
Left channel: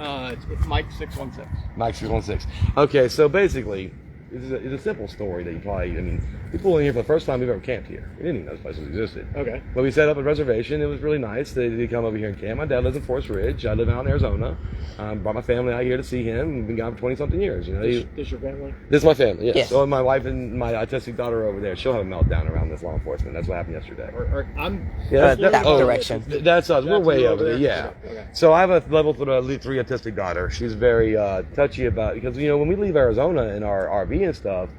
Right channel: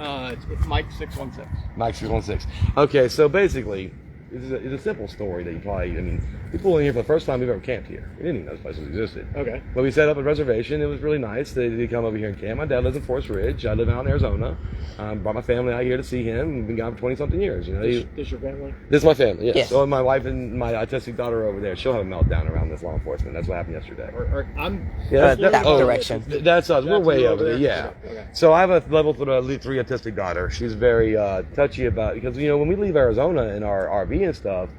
It's Mike 616. Mike 616. Okay, so basically, it's a simple story that you probably, people in here for the first time we've ever camped here. We didn't even know this place existed. Okay. But we set up a reservation. It was really nice. They come over here and camp. My dad lives in Forest Ridge. I live out in Arizona. Brought my family out here to see him. We've been gone for 20-something years. This your family? This is my family, yes. Yes. So my wife and my autistic daughter over there, she'll have a meltdown around this law enforcement. That's what happened yesterday. I'm. Yeah, that direction. That's us. We're That's way you over over there, there? yeah. Okay. So I have a level 3 autistic daughter. She's very touchy about, because, when we leave Arizona in our RV and stuff,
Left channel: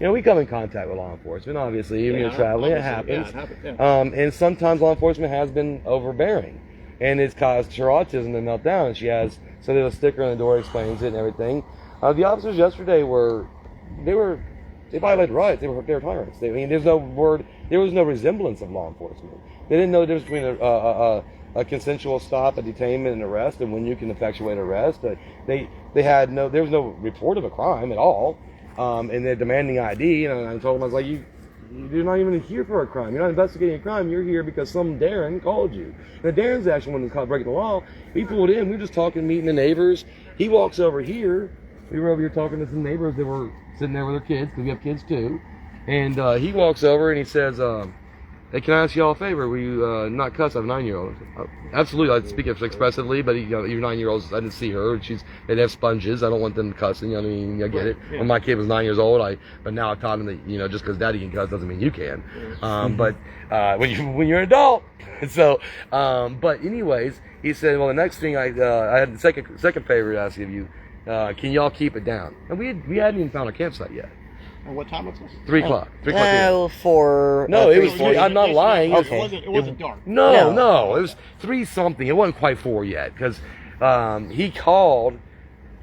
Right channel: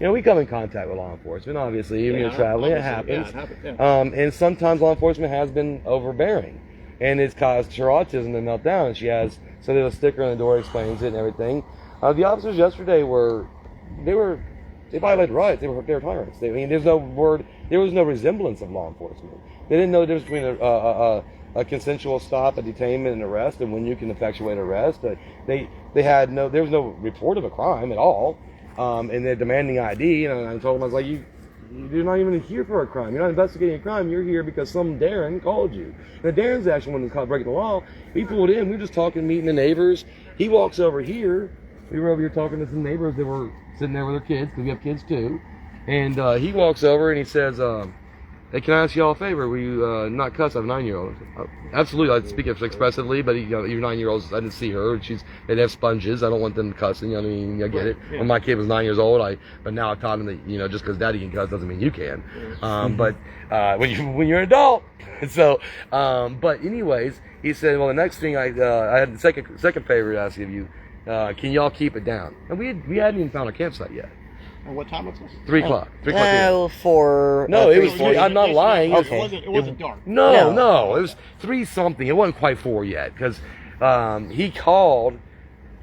we come in contact with law enforcement, obviously. Even when you're traveling, it happens. Yeah, it happens. Yeah. And sometimes law enforcement has been overbearing. And it's caused her autism to melt down. And so there's a sticker on the door that explains it and everything. The officers yesterday they violated rights. They were tyrants. There was no resemblance of law enforcement. They didn't know the difference between a consensual stop, a detainment, and arrest, and when you can effectuate arrest. There was no report of a crime at all. And they're demanding ID, and I told them, I was like, you're not even here for a crime. You're not investigating a crime. You're here because some Darren called you. Now, Darren's actually one that's caught breaking the law. We pulled in. We were just talking, meeting the neighbors. He walks over here. We were over here talking to some neighbors that were sitting there with their kids, because we have kids too. And he walks over and he says, hey, can I ask y'all a favor? Will you not cuss? I have a 9-year-old. Absolutely, I speak expressively, but your 9-year-old, I didn't see her. They have sponges. I don't want them cussing. I get it. Yeah. When my kid was 9 years old, but now I've taught him that, just because daddy can cuss doesn't mean you can. But when you're an adult. So, but anyways, he said, well, the next thing I had the second favor to ask of you, can y'all keep it down? And we hadn't even found a campsite yet. And what time was this? 3 o'clock. 3 o'clock. PM. No, It was 3. I'm not lying. Okay. It wasn't dark. No. It was 3 something. It wasn't quite 4 yet, because he called,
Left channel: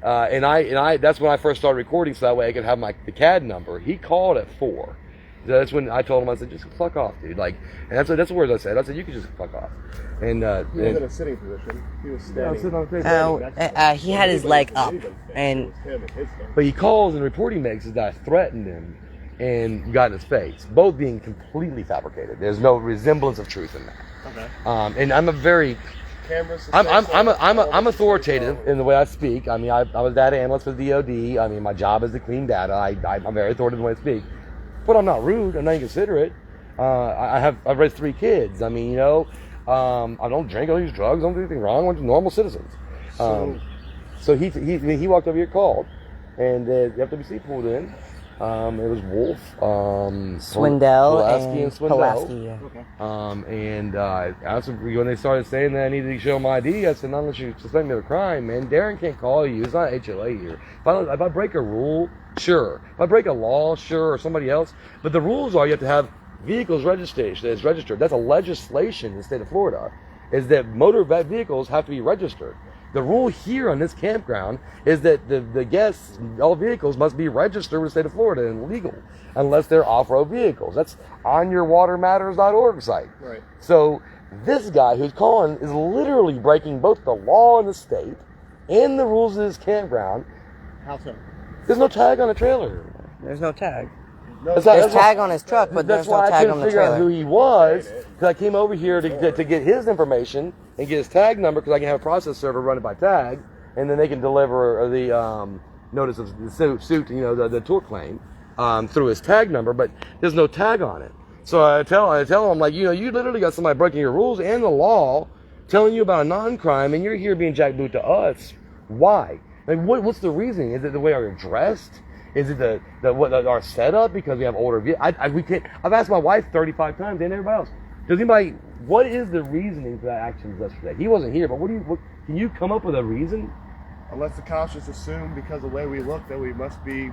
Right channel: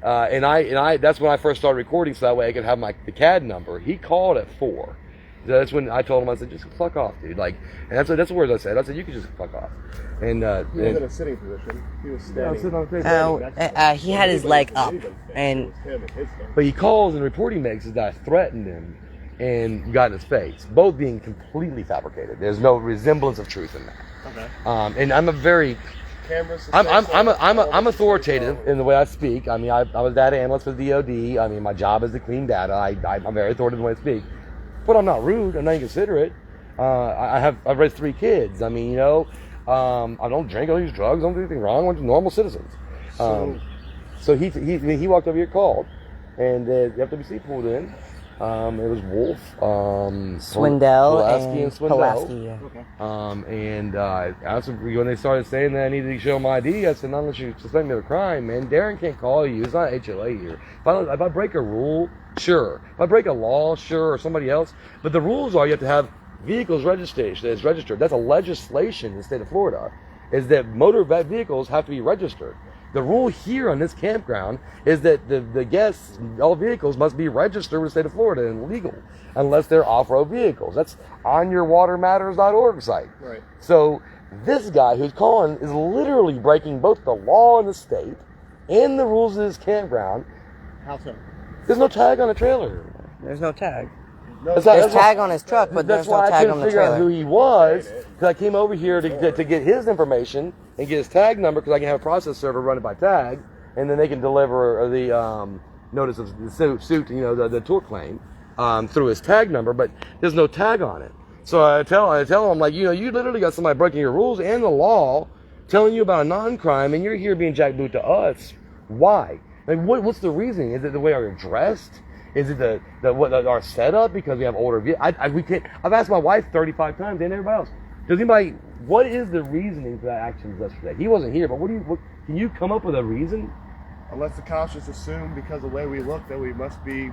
and I. That's when I first started recording, so that way I could have the CAD number. He called at 4. So that's when I told him, I said, just fuck off, dude. And that's the words I said. I said, you can just fuck off. And He was in a sitting position. He was standing. I was sitting on the face. He had his leg up, and But he calls, and the report he makes is that I threatened him and got in his face. Both being completely fabricated. There's no resemblance of truth in that. Okay. And I'm a very Cameras. I'm authoritative in the way I speak. I was data analyst for the DOD. My job is to clean data. I'm very authoritative in the way I speak. But I'm not rude. I'm not inconsiderate. I've raised 3 kids. I don't drink. I don't use drugs. I don't do anything wrong. I'm just normal citizens. So he walked over here, called, and the FWC pulled in. It was Wolf, Swindell, Pulaski, and Swindell. Pulaski, yeah. Okay. And when they started saying that I needed to show my ID, I said, not unless you suspect me of a crime, man. Darren can't call you. It's not HLA here. If I break a rule, sure. If I break a law, sure, or somebody else. But the rules are you have to have vehicles registration that's registered. That's a legislation in the state of Florida, is that motor vehicles have to be registered. The rule here on this campground is that the guests, all vehicles must be registered with the state of Florida and legal, unless they're off-road vehicles. That's on yourwatermatters.org site. Right. So this guy who's calling is literally breaking both the law in the state and the rules of this campground. How so? There's no tag on the trailer. There's no tag. There's There's tag on his truck, but that's there's no why I tag couldn't on the figure out who trailer. he was, because I came over here to get his information and get his tag number, because I can have a process server run it by tag, and then they can deliver the notice of the suit, the tort claim through his tag number, but there's no tag on it. So I tell him, like, you literally got somebody breaking your rules and the law, telling you about a non-crime, and you're here being jackboot to us. Why? What's the reason? Is it the way we're dressed? Is it our setup because we have older vehicles? We can't. I've asked my wife 35 times and everybody else. Does anybody? What is the reasoning for that action yesterday? He wasn't here, but what can you come up with a reason? Unless the cops just assume because of the way we look that we must be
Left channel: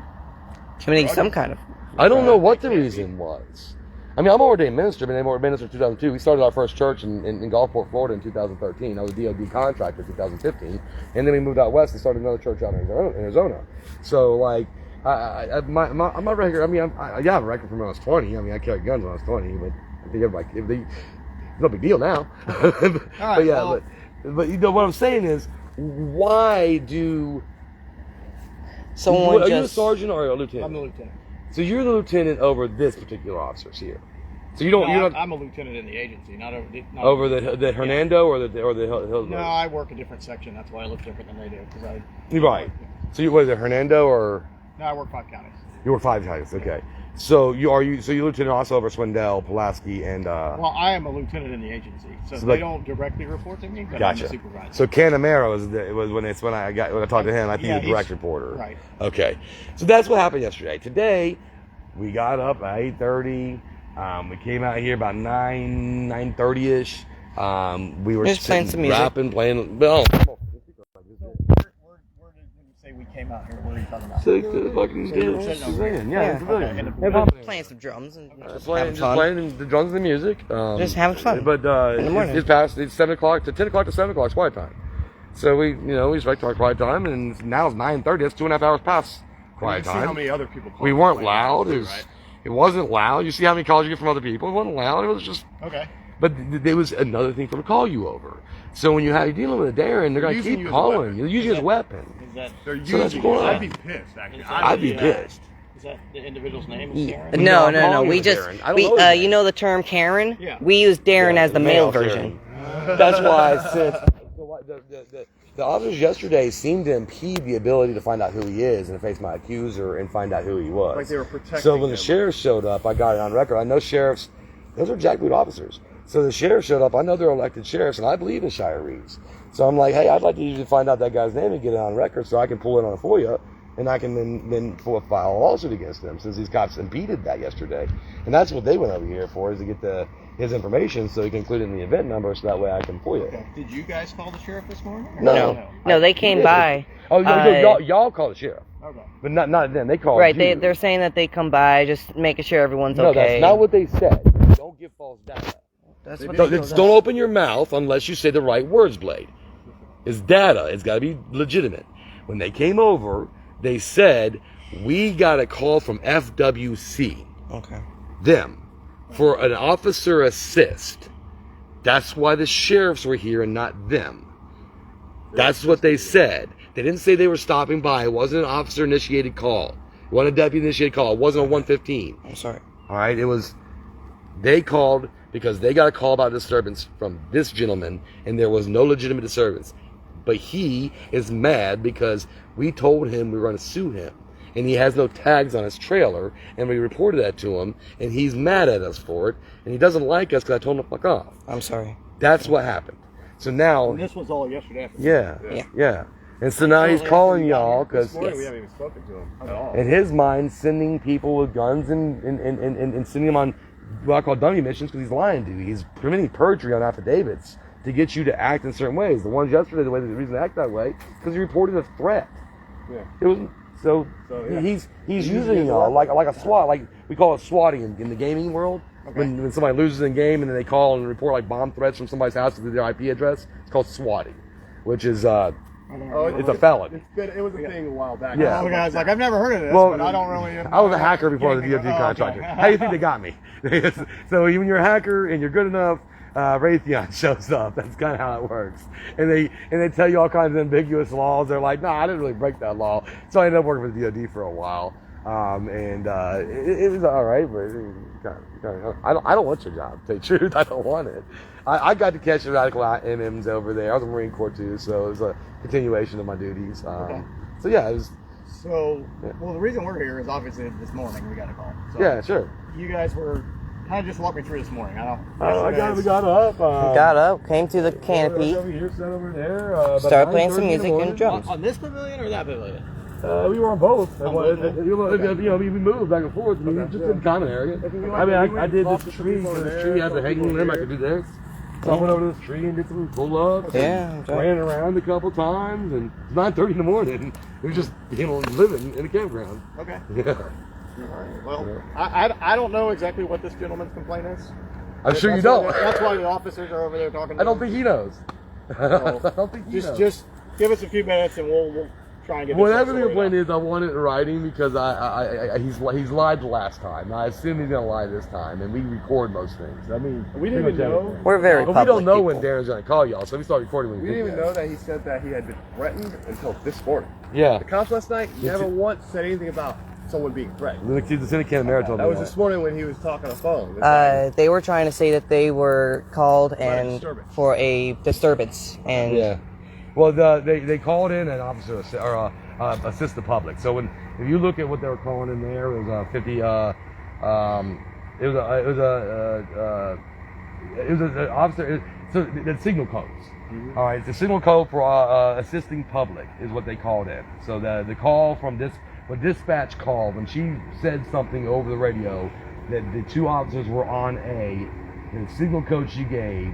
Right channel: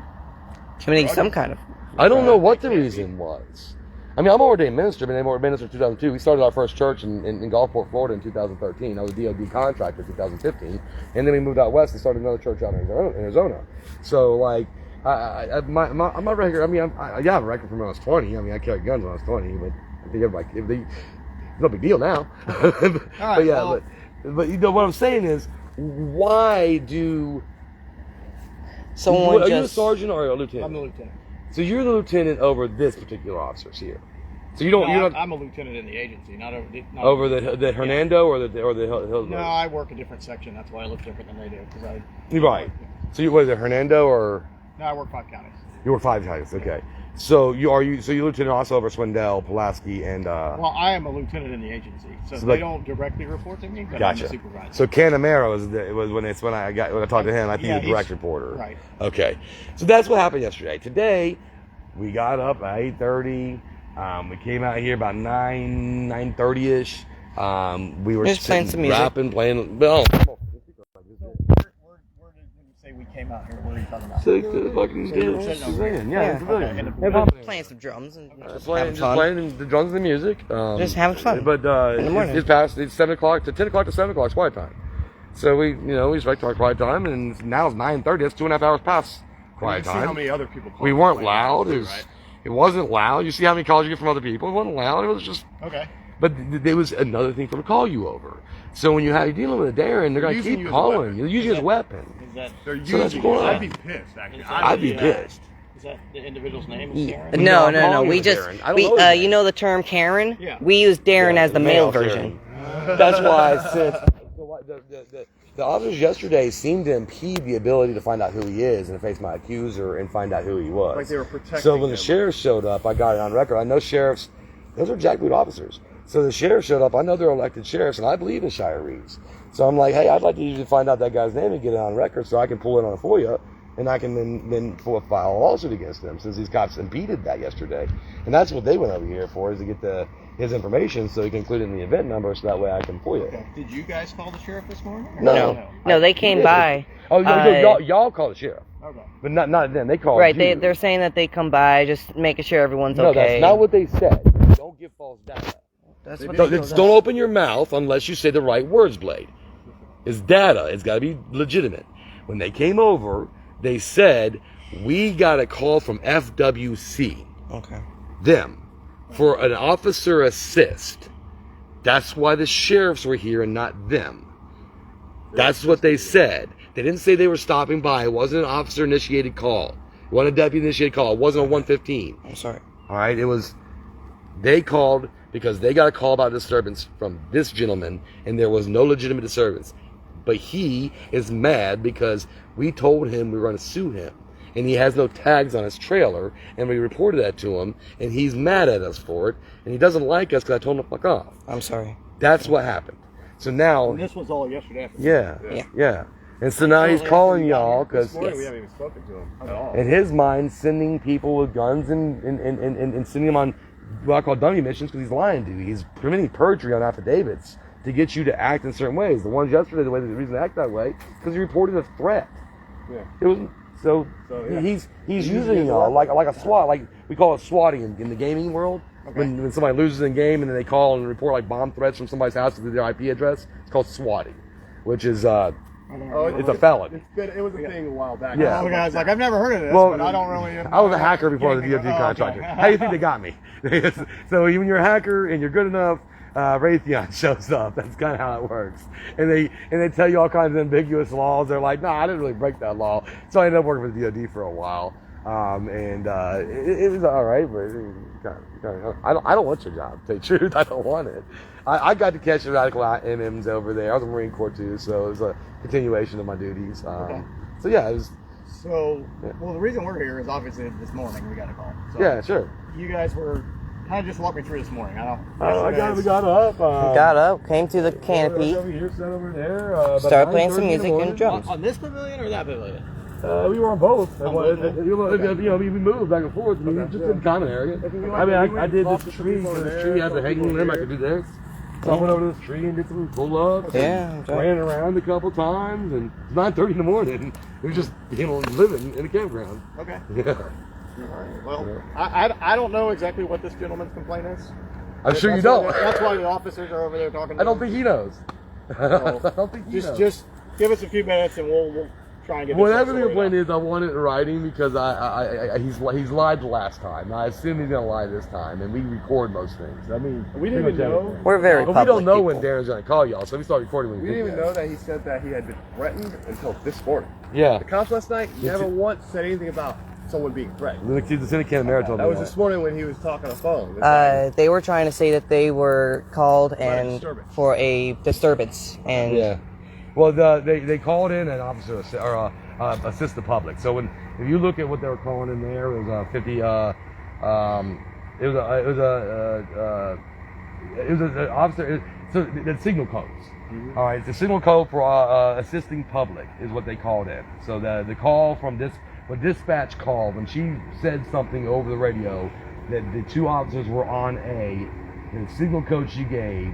Committing some kind of. I don't know what the reason was. I mean, I'm ordained minister. Been ordained minister in 2002. We started our first church in Gulfport, Florida in 2013. I was a DOD contractor in 2015. And then we moved out west and started another church out in Arizona. So, like, my record, I mean, I have a record from when I was 20. I mean, I carried guns when I was 20, but I think everybody, it's no big deal now. But yeah, but you know, what I'm saying is, why do... Someone are you a just. sergeant or a lieutenant? I'm the lieutenant. So you're the lieutenant over this particular officers here. So you don't. No, you're not I'm a lieutenant in the agency, not over the. Not over the Hernando or the Hill. No, I work a different section. That's why I look different than they do. Because You're right. So you, what is it, Hernando or? No, I work 5 counties. You were 5 counties. Okay. So you lieutenant also over Swindell, Pulaski, and. Well, I am a lieutenant in the agency, so So they like- don't directly report to me, but Gotcha. I'm the supervisor. So Canamero was when I talked to him. I think Yeah, he's a direct reporter. Right. Okay. So that's what happened yesterday. Today, we got up at 8:30. We came out here about 9:30 ish. We were Just playing some music. rapping, playing. Well, Where did you say we came out here? What are you talking about? the fucking you were sitting over here. yeah, Yeah. civilian. They're just playing some drums and just having fun. Playing the drums and the music. Just having fun. But in the morning. it's past. It's 7 o'clock to 10 o'clock to 7 o'clock. It's quiet time. So we respect our quiet time, and now it's 9:30. That's 2.5 hours past quiet You see how time. many other people call We weren't complain loud. too, It was. right? It wasn't loud. You see how many calls you get from other people. It wasn't loud. It was just. Okay. But there was another thing for them to call you over. So when you're dealing with a Darren, they're going to Using keep you as a calling. weapon. You're using his weapon. Is that They're So that's using going it. on. I'd be pissed, actually. I'd be pissed. is that the individual's name? Is Darren? No, I'm no, calling no. you We just Darren. I don't know his name. you know the term Karen. Yeah. We use Darren Yeah, as the male version. That's why I said the officers yesterday seemed to impede the ability to find out who he is and to face my accuser and find out who he was. Like they were protecting So when him. the sheriff showed up, I got it on record. I know sheriffs; those are jackboot officers. So the sheriff showed up. I know they're elected sheriffs, and I believe in Shire Reeves. So I'm like, hey, I'd like to usually find out that guy's name and get it on record so I can pull it on a FOIA, and I can then file a lawsuit against him since these cops impeded that yesterday. And that's what they went over here for, is to get his information so he can include it in the event number so that way I can FOIA. Okay. Did you guys call the sheriff this morning? or No. No, they came by. Oh, y'all call the sheriff, Okay. but not them. They called Right, you. they're saying that they come by, just making sure everyone's No, okay. that's not what they said. Don't give false data. That's what Don't open your mouth unless you say the right words, Blade. It's data. It's got to be legitimate. When they came over, they said, we got a call from FWC, Okay. them, for an officer assist. That's why the sheriffs were here and not them. That's what they said. They didn't say they were stopping by. It wasn't an officer-initiated call. It wasn't a deputy-initiated call. It wasn't a 115. I'm sorry. All right, they called because they got a call about disturbance from this gentleman, and there was no legitimate disturbance. But he is mad because we told him we were going to sue him, and he has no tags on his trailer, and we reported that to him, and he's mad at us for it, and he doesn't like us because I told him to fuck off. I'm sorry. That's what happened. So now, And this was all yesterday afternoon. yeah. And so now he's calling y'all because This morning we haven't even spoken to him at all. in his mind, sending people with guns and sending them on what I call dummy missions because he's lying to you. He's committing perjury on affidavits to get you to act in certain ways. The ones yesterday, the reason they act that way, because he reported a threat. Yeah. It was so yeah. he's using y'all like a SWAT, like we call it swatting in the gaming world. Okay. When somebody loses in game and then they call and report like bomb threats from somebody's house to their IP address, it's called swatting, which is it's a felony. It was a thing a while back. Yeah. Oh, guys, like I've never heard of this, Well, but I don't really. I was a hacker before I was a DOD Oh, okay. contractor. How do you think they got me? So when you're a hacker and you're good enough, Raytheon shows up. That's kind of how it works. And they tell you all kinds of ambiguous laws. They're like, nah, I didn't really break that law. So I ended up working for the DOD for a while. It was all right, but I don't want your job, to tell you the truth. I don't want it. I got to catch the radical MMs over there. I was a Marine Corps too, so it was a continuation of my duties. So yeah, it was. So, well, the reason we're here is obviously this morning we got a call. So Yeah, sure. You guys were kind of just walk me through this morning. We got up. Got up, came to the canopy, Over here, sat over there. started playing some music and drums. On this pavilion or that pavilion? We were on both. We moved back and forth. I mean, just in the common area. I mean, I did this tree. So this tree has a hanging limb. I could do this. So I went over to this tree and did some pull-ups. Yeah. Ran around a couple times, and it's 9:30 in the morning. We were just, living in a campground. Okay. Yeah. All right. Well, I don't know exactly what this gentleman's complaint is. I'm sure you That's why don't. that's why the officers are over there talking to I don't him. think he knows. So, I don't think he knows. Just give us a few minutes and we'll try and get this Whatever the sorted complaint out. is, I want it in writing because he's lied the last time. I assume he's gonna lie this time, and we record most things. I mean, We didn't even know. We're very but we public don't know when people. Darren's gonna call y'all, so we start recording when We we didn't do even know that he said that he had been threatened until this morning. Yeah. The cops last night Yeah. never once said anything about someone being threatened. The Lieutenant Marathon. That was this morning when he was talking on the phone. It's They were trying to say that they were called and disturbance. for a disturbance, and Yeah. Well, they called in an officer or assist the public. So if you look at what they were calling in there, it was 50. It was an officer. So the signal codes. All right, the signal code for assisting public is what they called in. So the call from when dispatch called, when she said something over the radio that the two officers were on the signal code she gave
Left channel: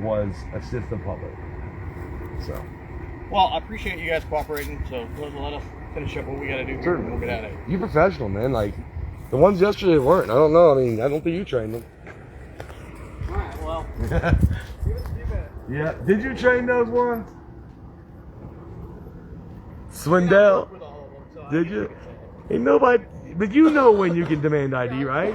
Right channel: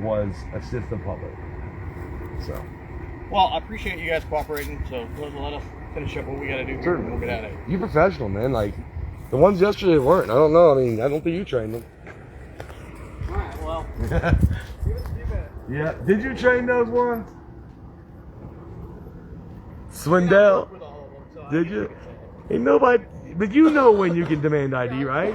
was assist the public. So. Well, I appreciate you guys cooperating, so let us finish up what we got to do here and we'll get out of here. You professional, man. Like, the ones yesterday weren't. I don't know. I mean, I don't think you trained them. All right, well, Yeah. Did you train those ones? Swindell? Did you? Ain't nobody. But you know when you can demand ID, right?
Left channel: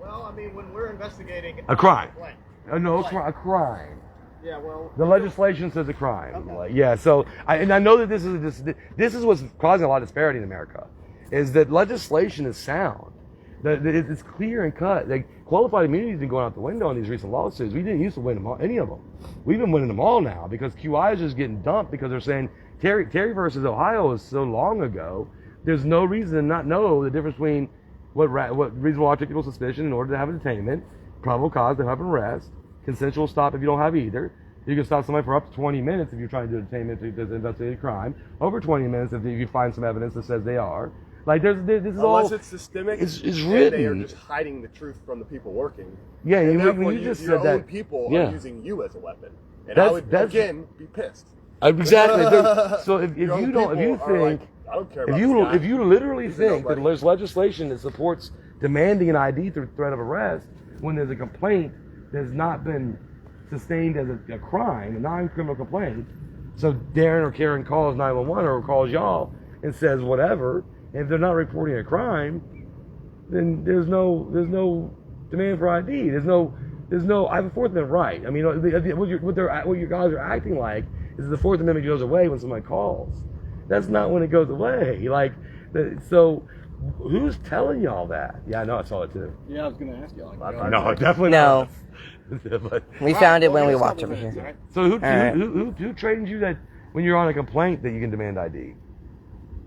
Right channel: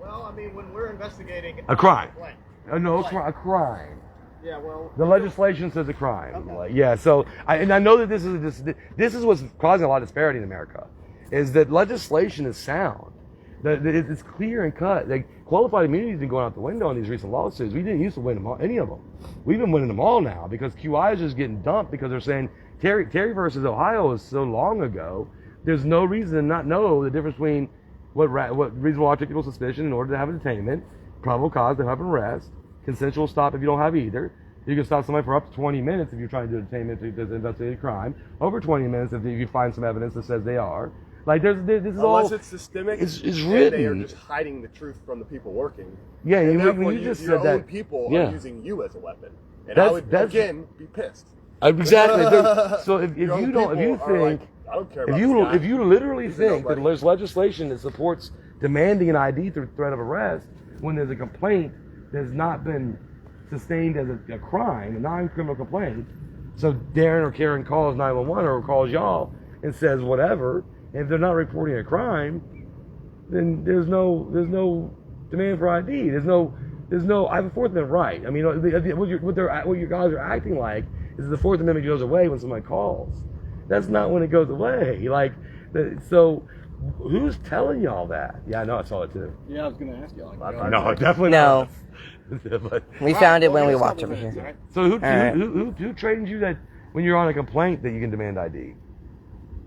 well, I mean, when we're investigating A crime. complaint. No, a crime. Yeah, well, The legislation says a crime. Okay. Like, yeah, so I know that this is what's causing a lot of disparity in America, is that legislation is sound. That it's clear and cut. Like, qualified immunity has been going out the window in these recent lawsuits. We didn't used to win them all, any of them. We've been winning them all now because QI is just getting dumped because they're saying Terry versus Ohio is so long ago. There's no reason to not know the difference between what reasonable articulable suspicion in order to have a detainment, probable cause to have an arrest, consensual stop if you don't have either. You can stop somebody for up to 20 minutes if you're trying to do detainment to investigate a crime. Over 20 minutes if you find some evidence that says they are. Like this is all. unless it's systemic, It's and written. they are just hiding the truth from the people working. Yeah, and you, therefore when you just your said own that. people Yeah. are using you as a weapon, and That's- I would that's- again be pissed. Exactly. So if Your you own don't, if you people are think, like, I don't care if about this guy. you literally He's a think that nobody. there's legislation that supports demanding an ID through threat of arrest when there's a complaint that's not been sustained as a crime, a non-criminal complaint, so Darren or Karen calls 911 or calls y'all and says whatever, and if they're not reporting a crime, then there's no demand for ID. There's no. I have a Fourth Amendment right. I mean, what you guys are acting like is the Fourth Amendment goes away when somebody calls. That's not when it goes away. Like, so who's telling y'all that? Yeah, I know. I saw it too. yeah, I was going to ask you. Like, No, definitely No. not. But, we found it when we walked over here. Right? so who right. who trained you that when you're on a complaint that you can demand ID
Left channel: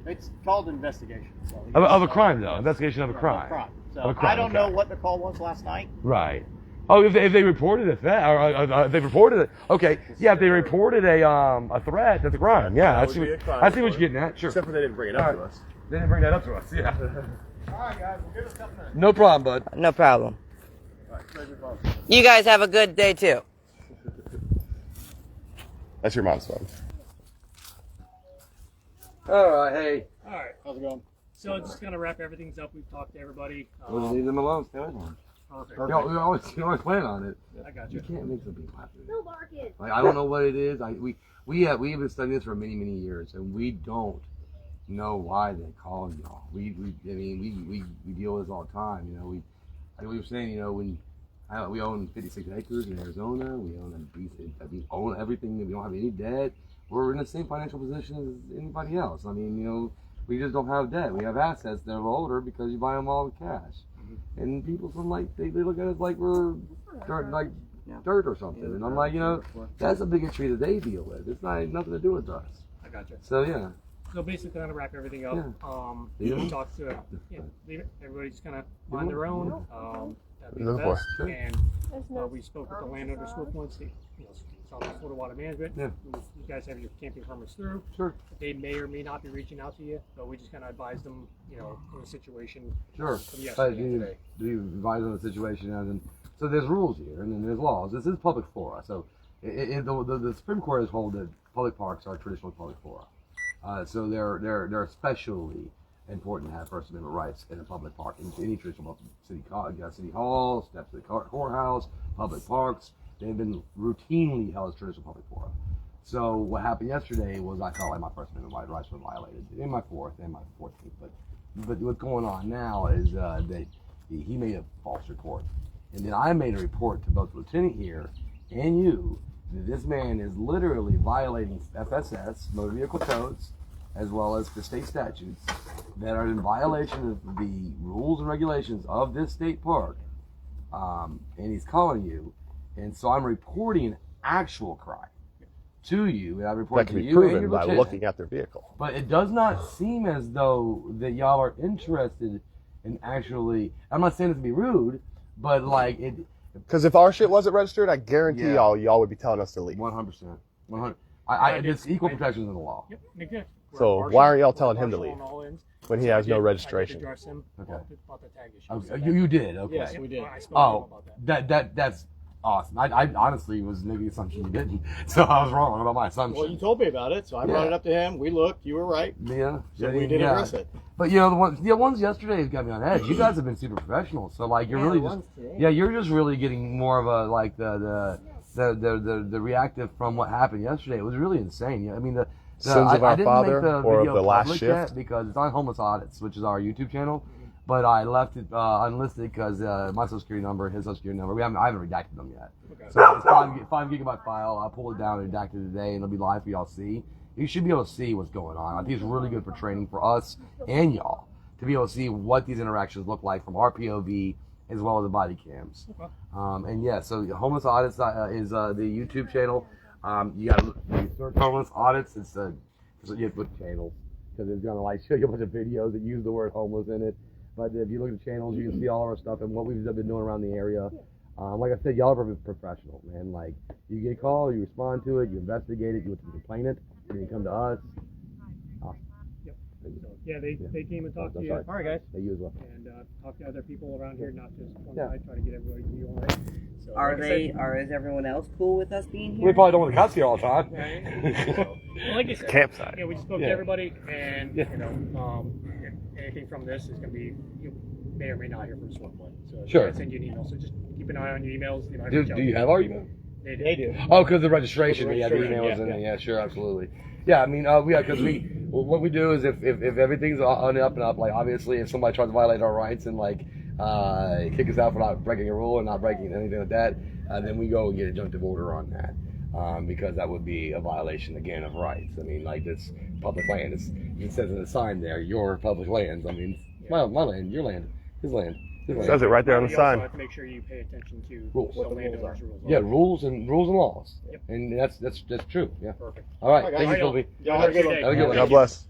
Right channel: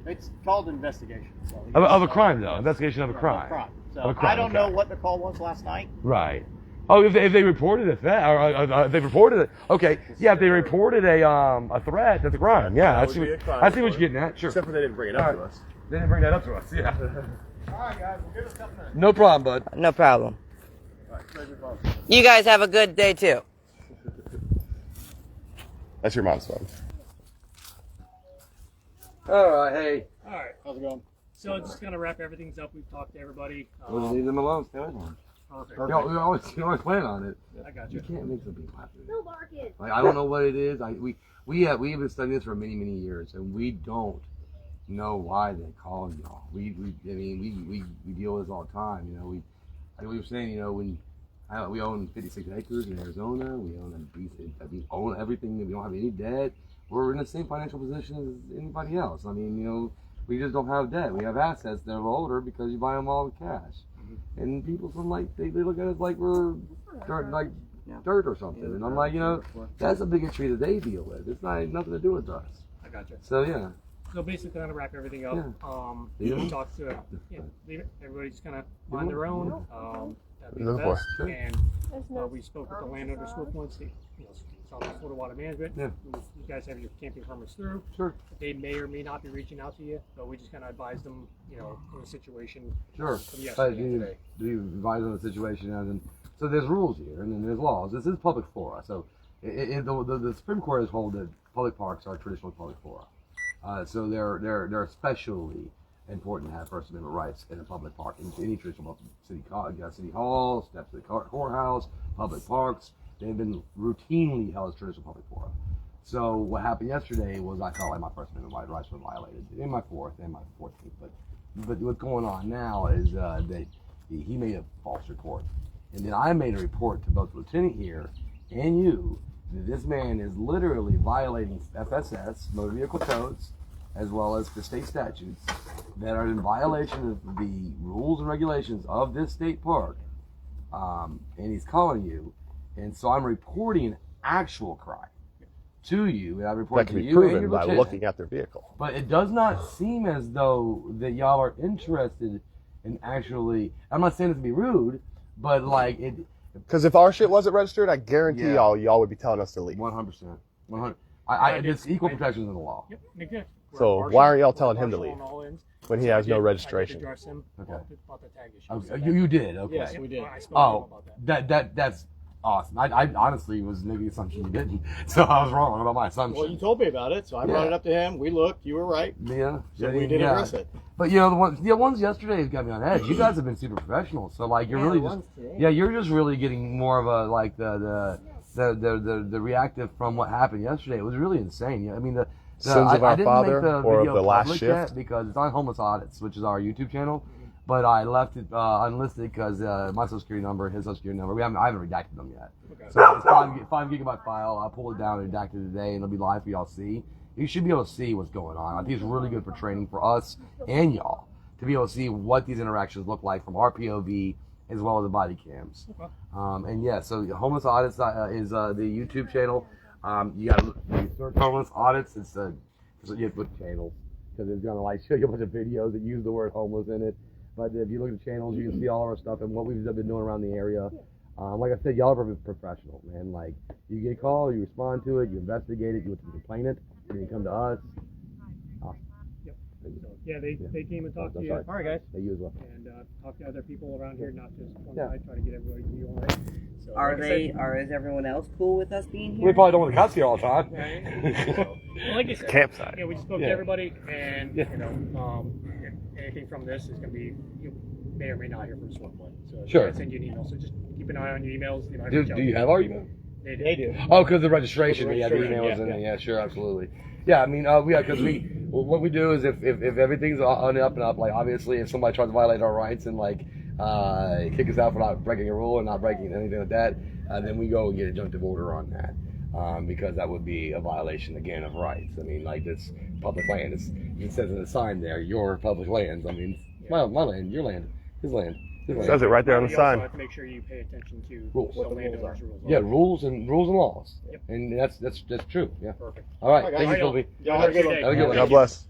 It's called investigation. So of a crime though? Investigation of a crime. So Of a crime, I don't know okay. what the call was last night. Right. Oh, if they reported a threat, or they reported it. Okay, yeah. If they reported a threat, that's a crime. Yeah, That I see. would be a crime I see what for you're getting at. Sure. Except for they didn't bring it up All to right. us. They didn't bring that up to us. Yeah. All right, guys, we'll give us a couple minutes. No problem, bud. No problem. All right, save your phone. You guys have a good day too. That's your mom's phone. All right. Hey. All right. How's it going? So just kind of wrap everything up. We've talked to everybody. We'll leave them alone. Stay away from them. Perfect. We always plan on it. I got You you. can't make some people happy. Like, I don't know what it is. We have been studying this for many years, and we don't know why they call y'all. We deal with this all the time. You know, like we were saying, you know, we own 56 acres in Arizona. We own everything. We don't have any debt. We're in the same financial position as anybody else. I mean, you know, we just don't have debt. We have assets that are older because you buy them all with cash. And people from they look at us like we're dirt or something. And I'm like, you know, that's a bigotry that they deal with. It's nothing to do with us. I got you. So yeah. So basically, kind of wrap everything up. Yeah. We talked to leave it. Everybody just kind of mind their own. That'd be the Looking for best. And we spoke with the landowner school points. It's all about Florida Water Management. Yeah. You guys have your camping permits through. Sure. They may or may not be reaching out to you, but we just kind of advise them, you know, in a situation. Sure. From But yesterday you, and today. you advise on the situation, and so there's rules here, and then there's laws. This is public flora, so the Supreme Court has held that public parks are traditional public flora. So they're especially important to have First Amendment rights in a public park, in any traditional city hall, steps of the courthouse, public parks. They've been routinely held as traditional public fora. So what happened yesterday was I felt like my First Amendment rights were violated in my 4th and my 14th. But what's going on now is that he made a false report, and then I made a report to both the lieutenant here and you that this man is literally violating FSS, motor vehicle codes, as well as the state statutes that are in violation of the rules and regulations of this state park, and he's calling you, and so I'm reporting actual crime to you, and I report That can to be you and proven your by lieutenant. looking at their vehicle. But it does not seem as though that y'all are interested in actually. I'm not saying it to be rude, but like it. Because if our shit wasn't registered, I guarantee Yeah. y'all would be telling us to leave. 100%. 100. It's equal protection in the law. Yep, exactly. We're So partial- why aren't y'all telling we're him to partial leave on all ends. when he So has no I did registration? address him Okay. about the tag issue. Okay. So You did. Okay. Yes, we did. I spoke to him Oh, about that. that's awesome. I honestly was making the assumption you didn't, so I was wrong about my assumption. Well, you told me about it, so I brought Yeah. it up to him. We looked. You were right. Yeah. So we did address it. But you know the ones yesterday has got me on edge. You guys have been super professional, so like you're really just you're just really getting more of a like the reactive from what happened yesterday. It was really insane. Yeah, I mean the Sins of I Our didn't Father make the or video of the last public shift? yet because it's on Homeless Audits, which is our YouTube channel. But I left it unlisted because my social security number, his social security number, I haven't redacted them yet. Okay. So it's a 5 gigabyte file. I'll pull it down and redact it today, and it'll be live for y'all to see. You should be able to see what's going on. I think it's really good for training for us and y'all to be able to see what these interactions look like from our POV as well as the body cams. Okay. And yeah, so Homeless Audits is the YouTube channel. You got to search Homeless Audits. It's you have to put channels because it's gonna like show you a bunch of videos that use the word homeless in it. But if you look at the channels, you can see all of our stuff and what we've been doing around the area. Like I said, y'all are professional, man. Like, you get a call, you respond to it, you investigate it, you complain it, and you come to us. Yep. So, yeah, they came and talked to you. Sorry. All right, guys. You as well. And talk to other people around here, not just one guy. Try to get everybody's view on it. So, Is everyone else cool with us being here? We probably don't want the cops here all the time. Well, like I said, Campsite. Yeah, we spoke to everybody, and you know, anything from this is going to be you may or may not hear from Swiftway. So Sure. I send you an email. So just keep an eye on your emails. You know, Do you have our email? They do. Oh, because the registration. The Yeah, the registration, emails yeah, in there. Yeah, sure, absolutely. Yeah, I mean, because what we do is if everything's on the up and up, like obviously if somebody tries to violate our rights and like kick us out for not breaking a rule or not breaking anything like that, then we go and get injunctive order on that. Because that would be a violation again of rights. I mean, like this public land. It says in the sign there, your public lands. I mean, my land, your land, his land. His land. Says it right there on the You also sign. have to make sure you pay attention to Rules. the landowners' rules. Yeah, rules and laws. Yep. And that's true. Yeah. Perfect. All right. All right, Thank you, guys. Colby. Y'all have a good one. Have a good one. God bless.